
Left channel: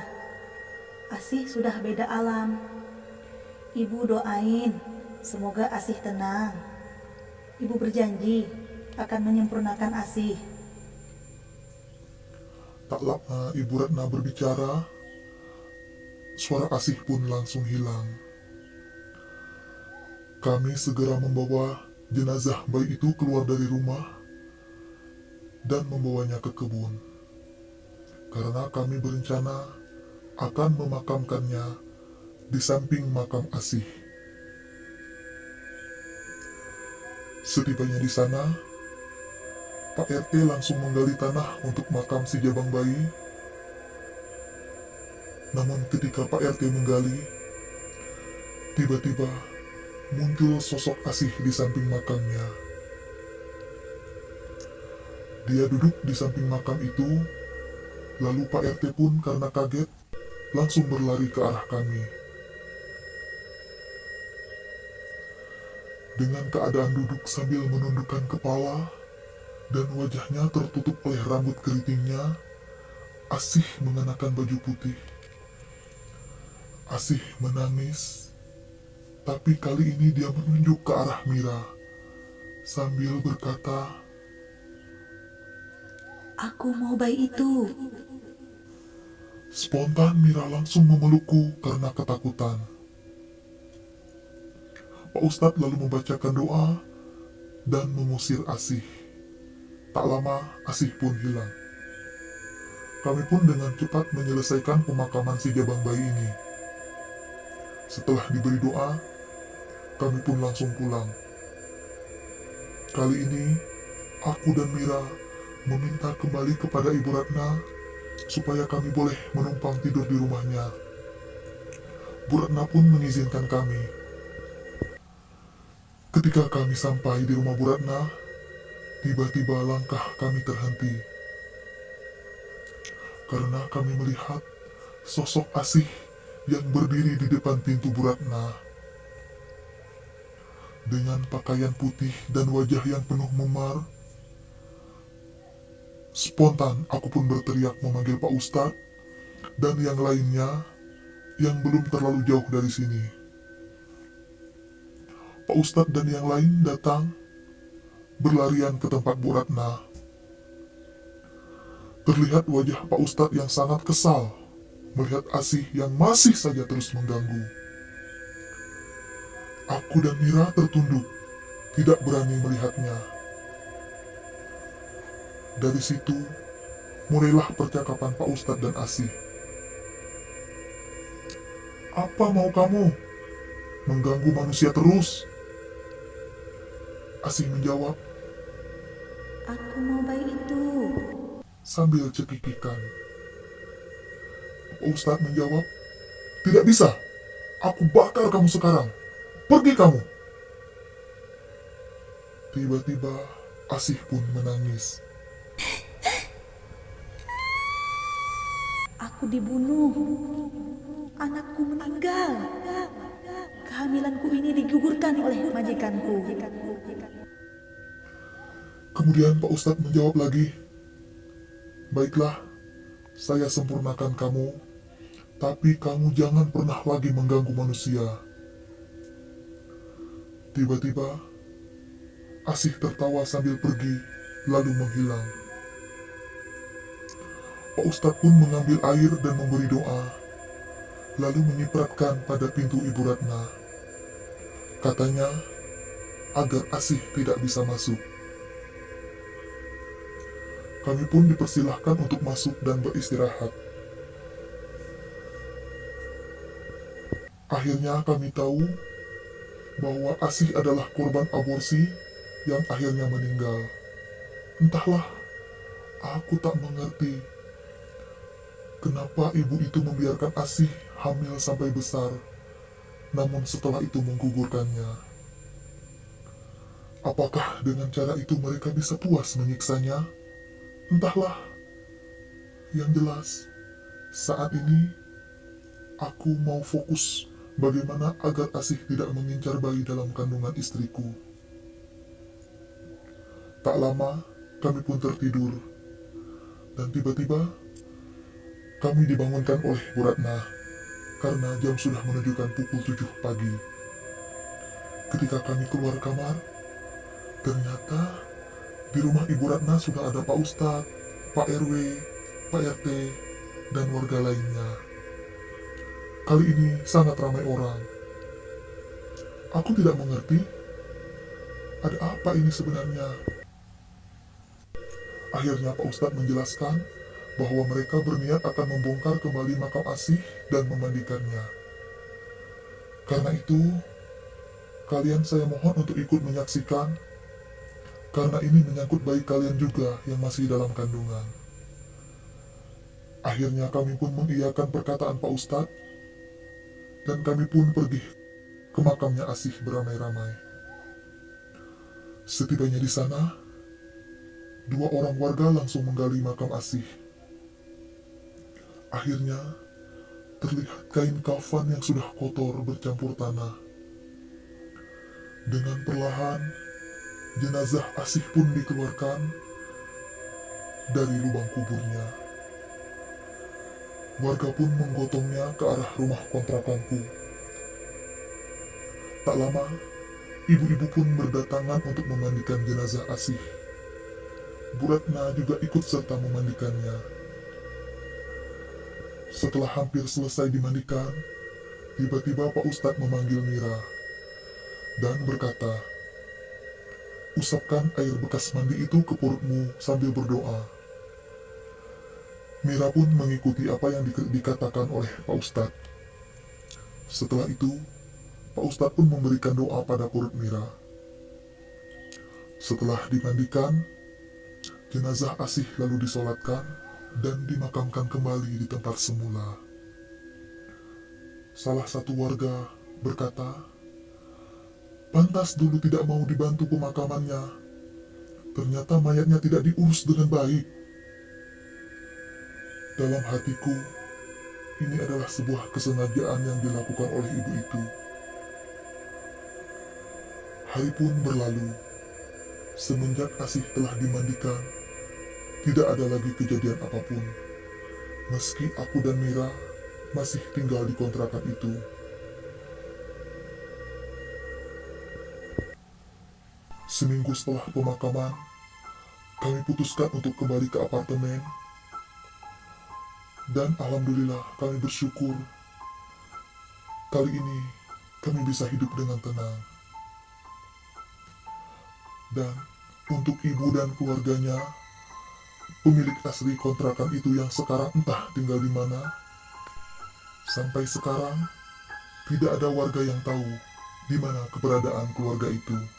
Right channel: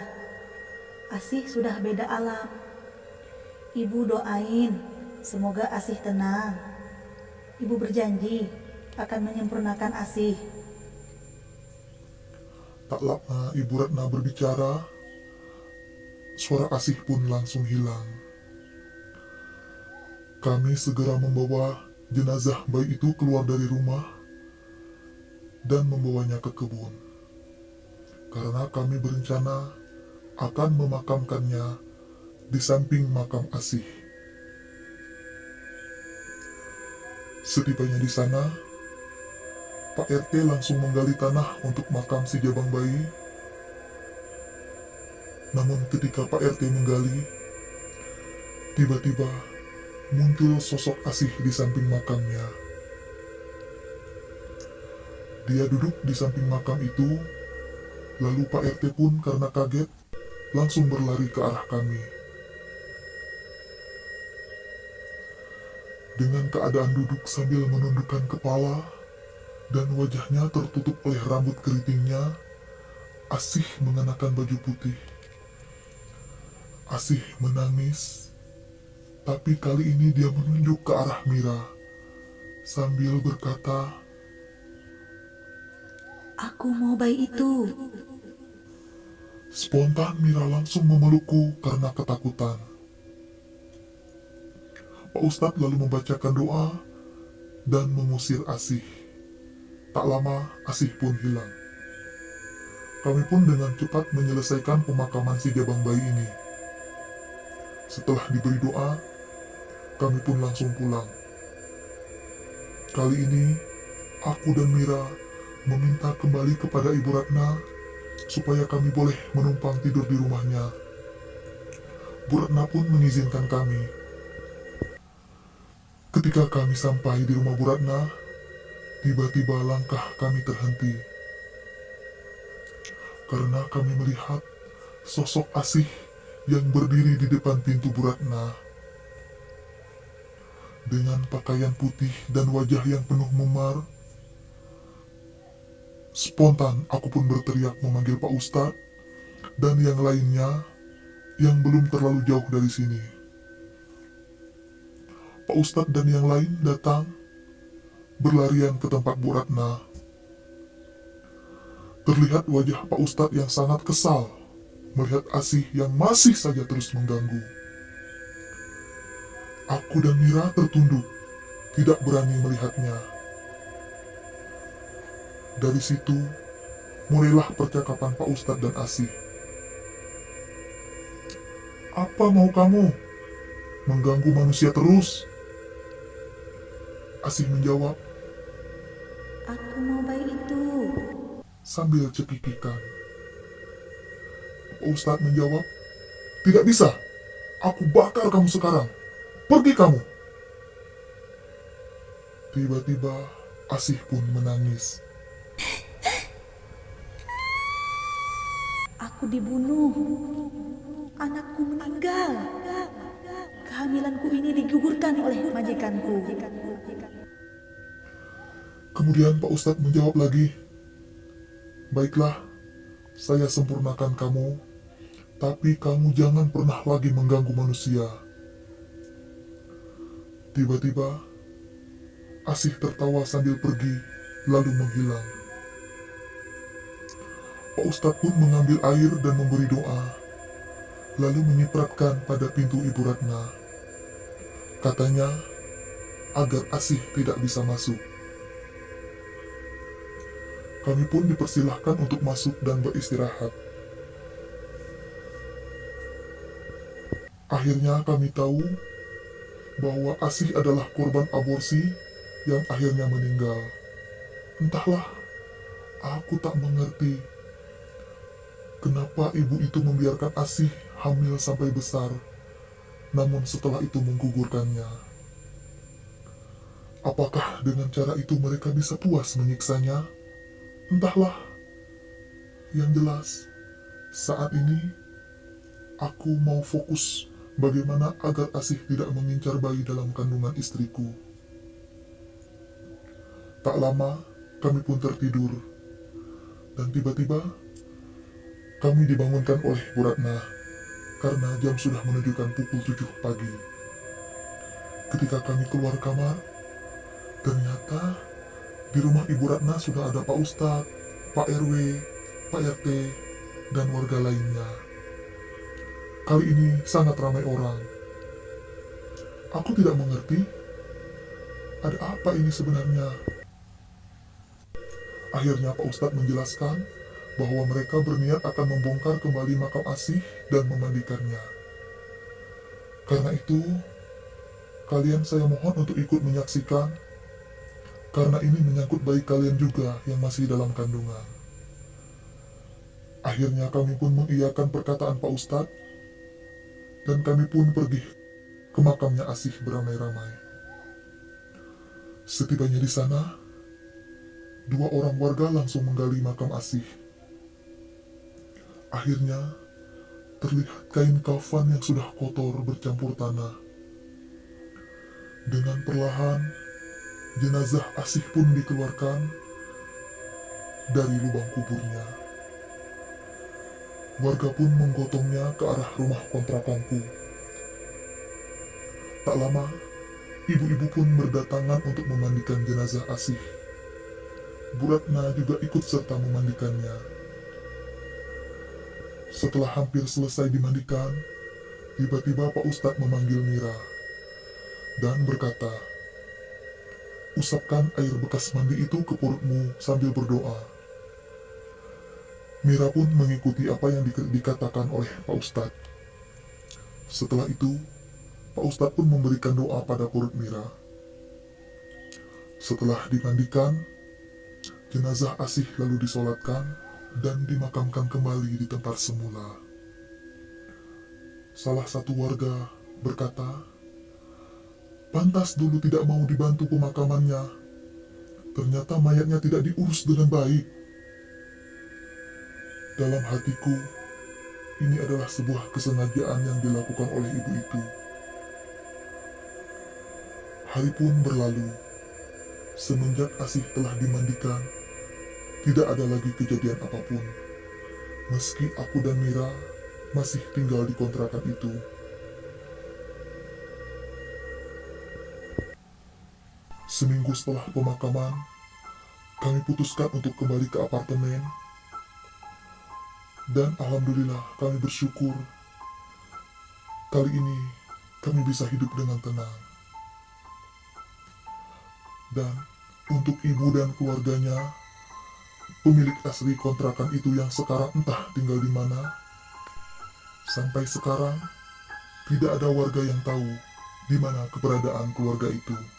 Asih sudah beda alam. Ibu doain, semoga Asih tenang. Ibu berjanji akan menyempurnakan Asih. Tak lama Ibu Ratna berbicara, suara Asih pun langsung hilang. Kami segera membawa jenazah bayi itu keluar dari rumah dan membawanya ke kebun. Karena kami berencana akan memakamkannya di samping makam Asih. Setibanya di sana, Pak RT langsung menggali tanah untuk makam si jabang bayi. Namun ketika Pak RT menggali, tiba-tiba muncul sosok Asih di samping makamnya. Dia duduk di samping makam itu, lalu Pak RT pun karena kaget langsung berlari ke arah kami. Dengan keadaan duduk sambil menundukkan kepala dan wajahnya tertutup oleh rambut keritingnya, Asih mengenakan baju putih. Asih menangis, tapi kali ini dia menunjuk ke arah Mira sambil berkata, Aku mau bayi itu. Spontan Mira langsung memelukku karena ketakutan. Pak Ustadz lalu membacakan doa dan mengusir Asih. Tak lama Asih pun hilang. Kami pun dengan cepat menyelesaikan pemakaman si jabang bayi ini. Setelah diberi doa, kami pun langsung pulang. Kali ini, aku dan Mira meminta kembali kepada Ibu Ratna supaya kami boleh menumpang tidur di rumahnya. Bu Ratna pun mengizinkan kami. Ketika kami sampai di rumah Bu Ratna, tiba-tiba langkah kami terhenti. Karena kami melihat sosok Asih yang berdiri di depan pintu Bu Ratna. Dengan pakaian putih dan wajah yang penuh memar, spontan aku pun berteriak memanggil Pak Ustadz dan yang lainnya yang belum terlalu jauh dari sini. Pak Ustadz dan yang lain datang berlarian ke tempat Bu Ratna. Terlihat wajah Pak Ustadz yang sangat kesal melihat Asih yang masih saja terus mengganggu. Aku dan Mira tertunduk, tidak berani melihatnya. Dari situ, mulailah percakapan Pak Ustadz dan Asih. Apa mau kamu? Mengganggu manusia terus? Asih menjawab Aku mau bayi itu. sambil cekikikan. Pak Ustadz menjawab, tidak bisa. Aku bakar kamu sekarang. Pergi kamu. Tiba-tiba Asih pun menangis. Aku dibunuh. Anakku meninggal. Kehamilanku ini digugurkan oleh majikanku. Kemudian Pak Ustadz menjawab lagi, baiklah, saya sempurnakan kamu, tapi kamu jangan pernah lagi mengganggu manusia. Tiba-tiba, Asih tertawa sambil pergi, lalu menghilang. Pak Ustadz pun mengambil air dan memberi doa, lalu menyipratkan pada pintu Ibu Ratna. Katanya, agar Asih tidak bisa masuk. Kami pun dipersilahkan untuk masuk dan beristirahat. Akhirnya kami tahu bahwa Asih adalah korban aborsi yang akhirnya meninggal. Entahlah, aku tak mengerti kenapa ibu itu membiarkan Asih hamil sampai besar, namun setelah itu menggugurkannya. Apakah dengan cara itu mereka bisa puas menyiksanya? Entahlah. Yang jelas, saat ini aku mau fokus bagaimana agar Asih tidak mengincar bayi dalam kandungan istriku. Tak lama, kami pun tertidur. Dan tiba-tiba, kami dibangunkan oleh Bu Ratna karena jam sudah menunjukkan pukul 7 pagi. Ketika kami keluar kamar, ternyata di rumah Ibu Ratna sudah ada Pak Ustadz, Pak RW, Pak RT, dan warga lainnya. Kali ini sangat ramai orang. Aku tidak mengerti, ada apa ini sebenarnya? Akhirnya Pak Ustadz menjelaskan bahwa mereka berniat akan membongkar kembali makam Asih dan memandikannya. Karena itu, kalian saya mohon untuk ikut menyaksikan, karena ini menyangkut bayi kalian juga yang masih dalam kandungan. Akhirnya kami pun mengiyakan perkataan Pak Ustadz, dan kami pun pergi ke makamnya Asih beramai-ramai. Setibanya di sana, 2 orang warga langsung menggali makam Asih. Akhirnya, terlihat kain kafan yang sudah kotor bercampur tanah. Dengan perlahan, jenazah Asih pun dikeluarkan dari lubang kuburnya. Warga pun menggotongnya ke arah rumah kontrakanku. Tak lama, ibu-ibu pun berdatangan untuk memandikan jenazah Asih. Bu Ratna juga ikut serta memandikannya. Setelah hampir selesai dimandikan, tiba-tiba Pak Ustadz memanggil Mira dan berkata, usapkan air bekas mandi itu ke perutmu sambil berdoa. Mira pun mengikuti apa yang dikatakan oleh Pak Ustadz. Setelah itu, Pak Ustadz pun memberikan doa pada perut Mira. Setelah dimandikan, jenazah Asih lalu disolatkan dan dimakamkan kembali di tempat semula. Salah satu warga berkata, Pantas dulu tidak mau dibantu pemakamannya. Ternyata mayatnya tidak diurus dengan baik. Dalam hatiku, ini adalah sebuah kesengajaan yang dilakukan oleh ibu itu. Hari pun berlalu. Semenjak Asih telah dimandikan, tidak ada lagi kejadian apapun. Meski aku dan Mira masih tinggal di kontrakan itu. Seminggu setelah pemakaman, kami putuskan untuk kembali ke apartemen. Dan alhamdulillah kami bersyukur. Kali ini kami bisa hidup dengan tenang. Dan untuk ibu dan keluarganya, pemilik asli kontrakan itu yang sekarang entah tinggal di mana, sampai sekarang tidak ada warga yang tahu di mana keberadaan keluarga itu.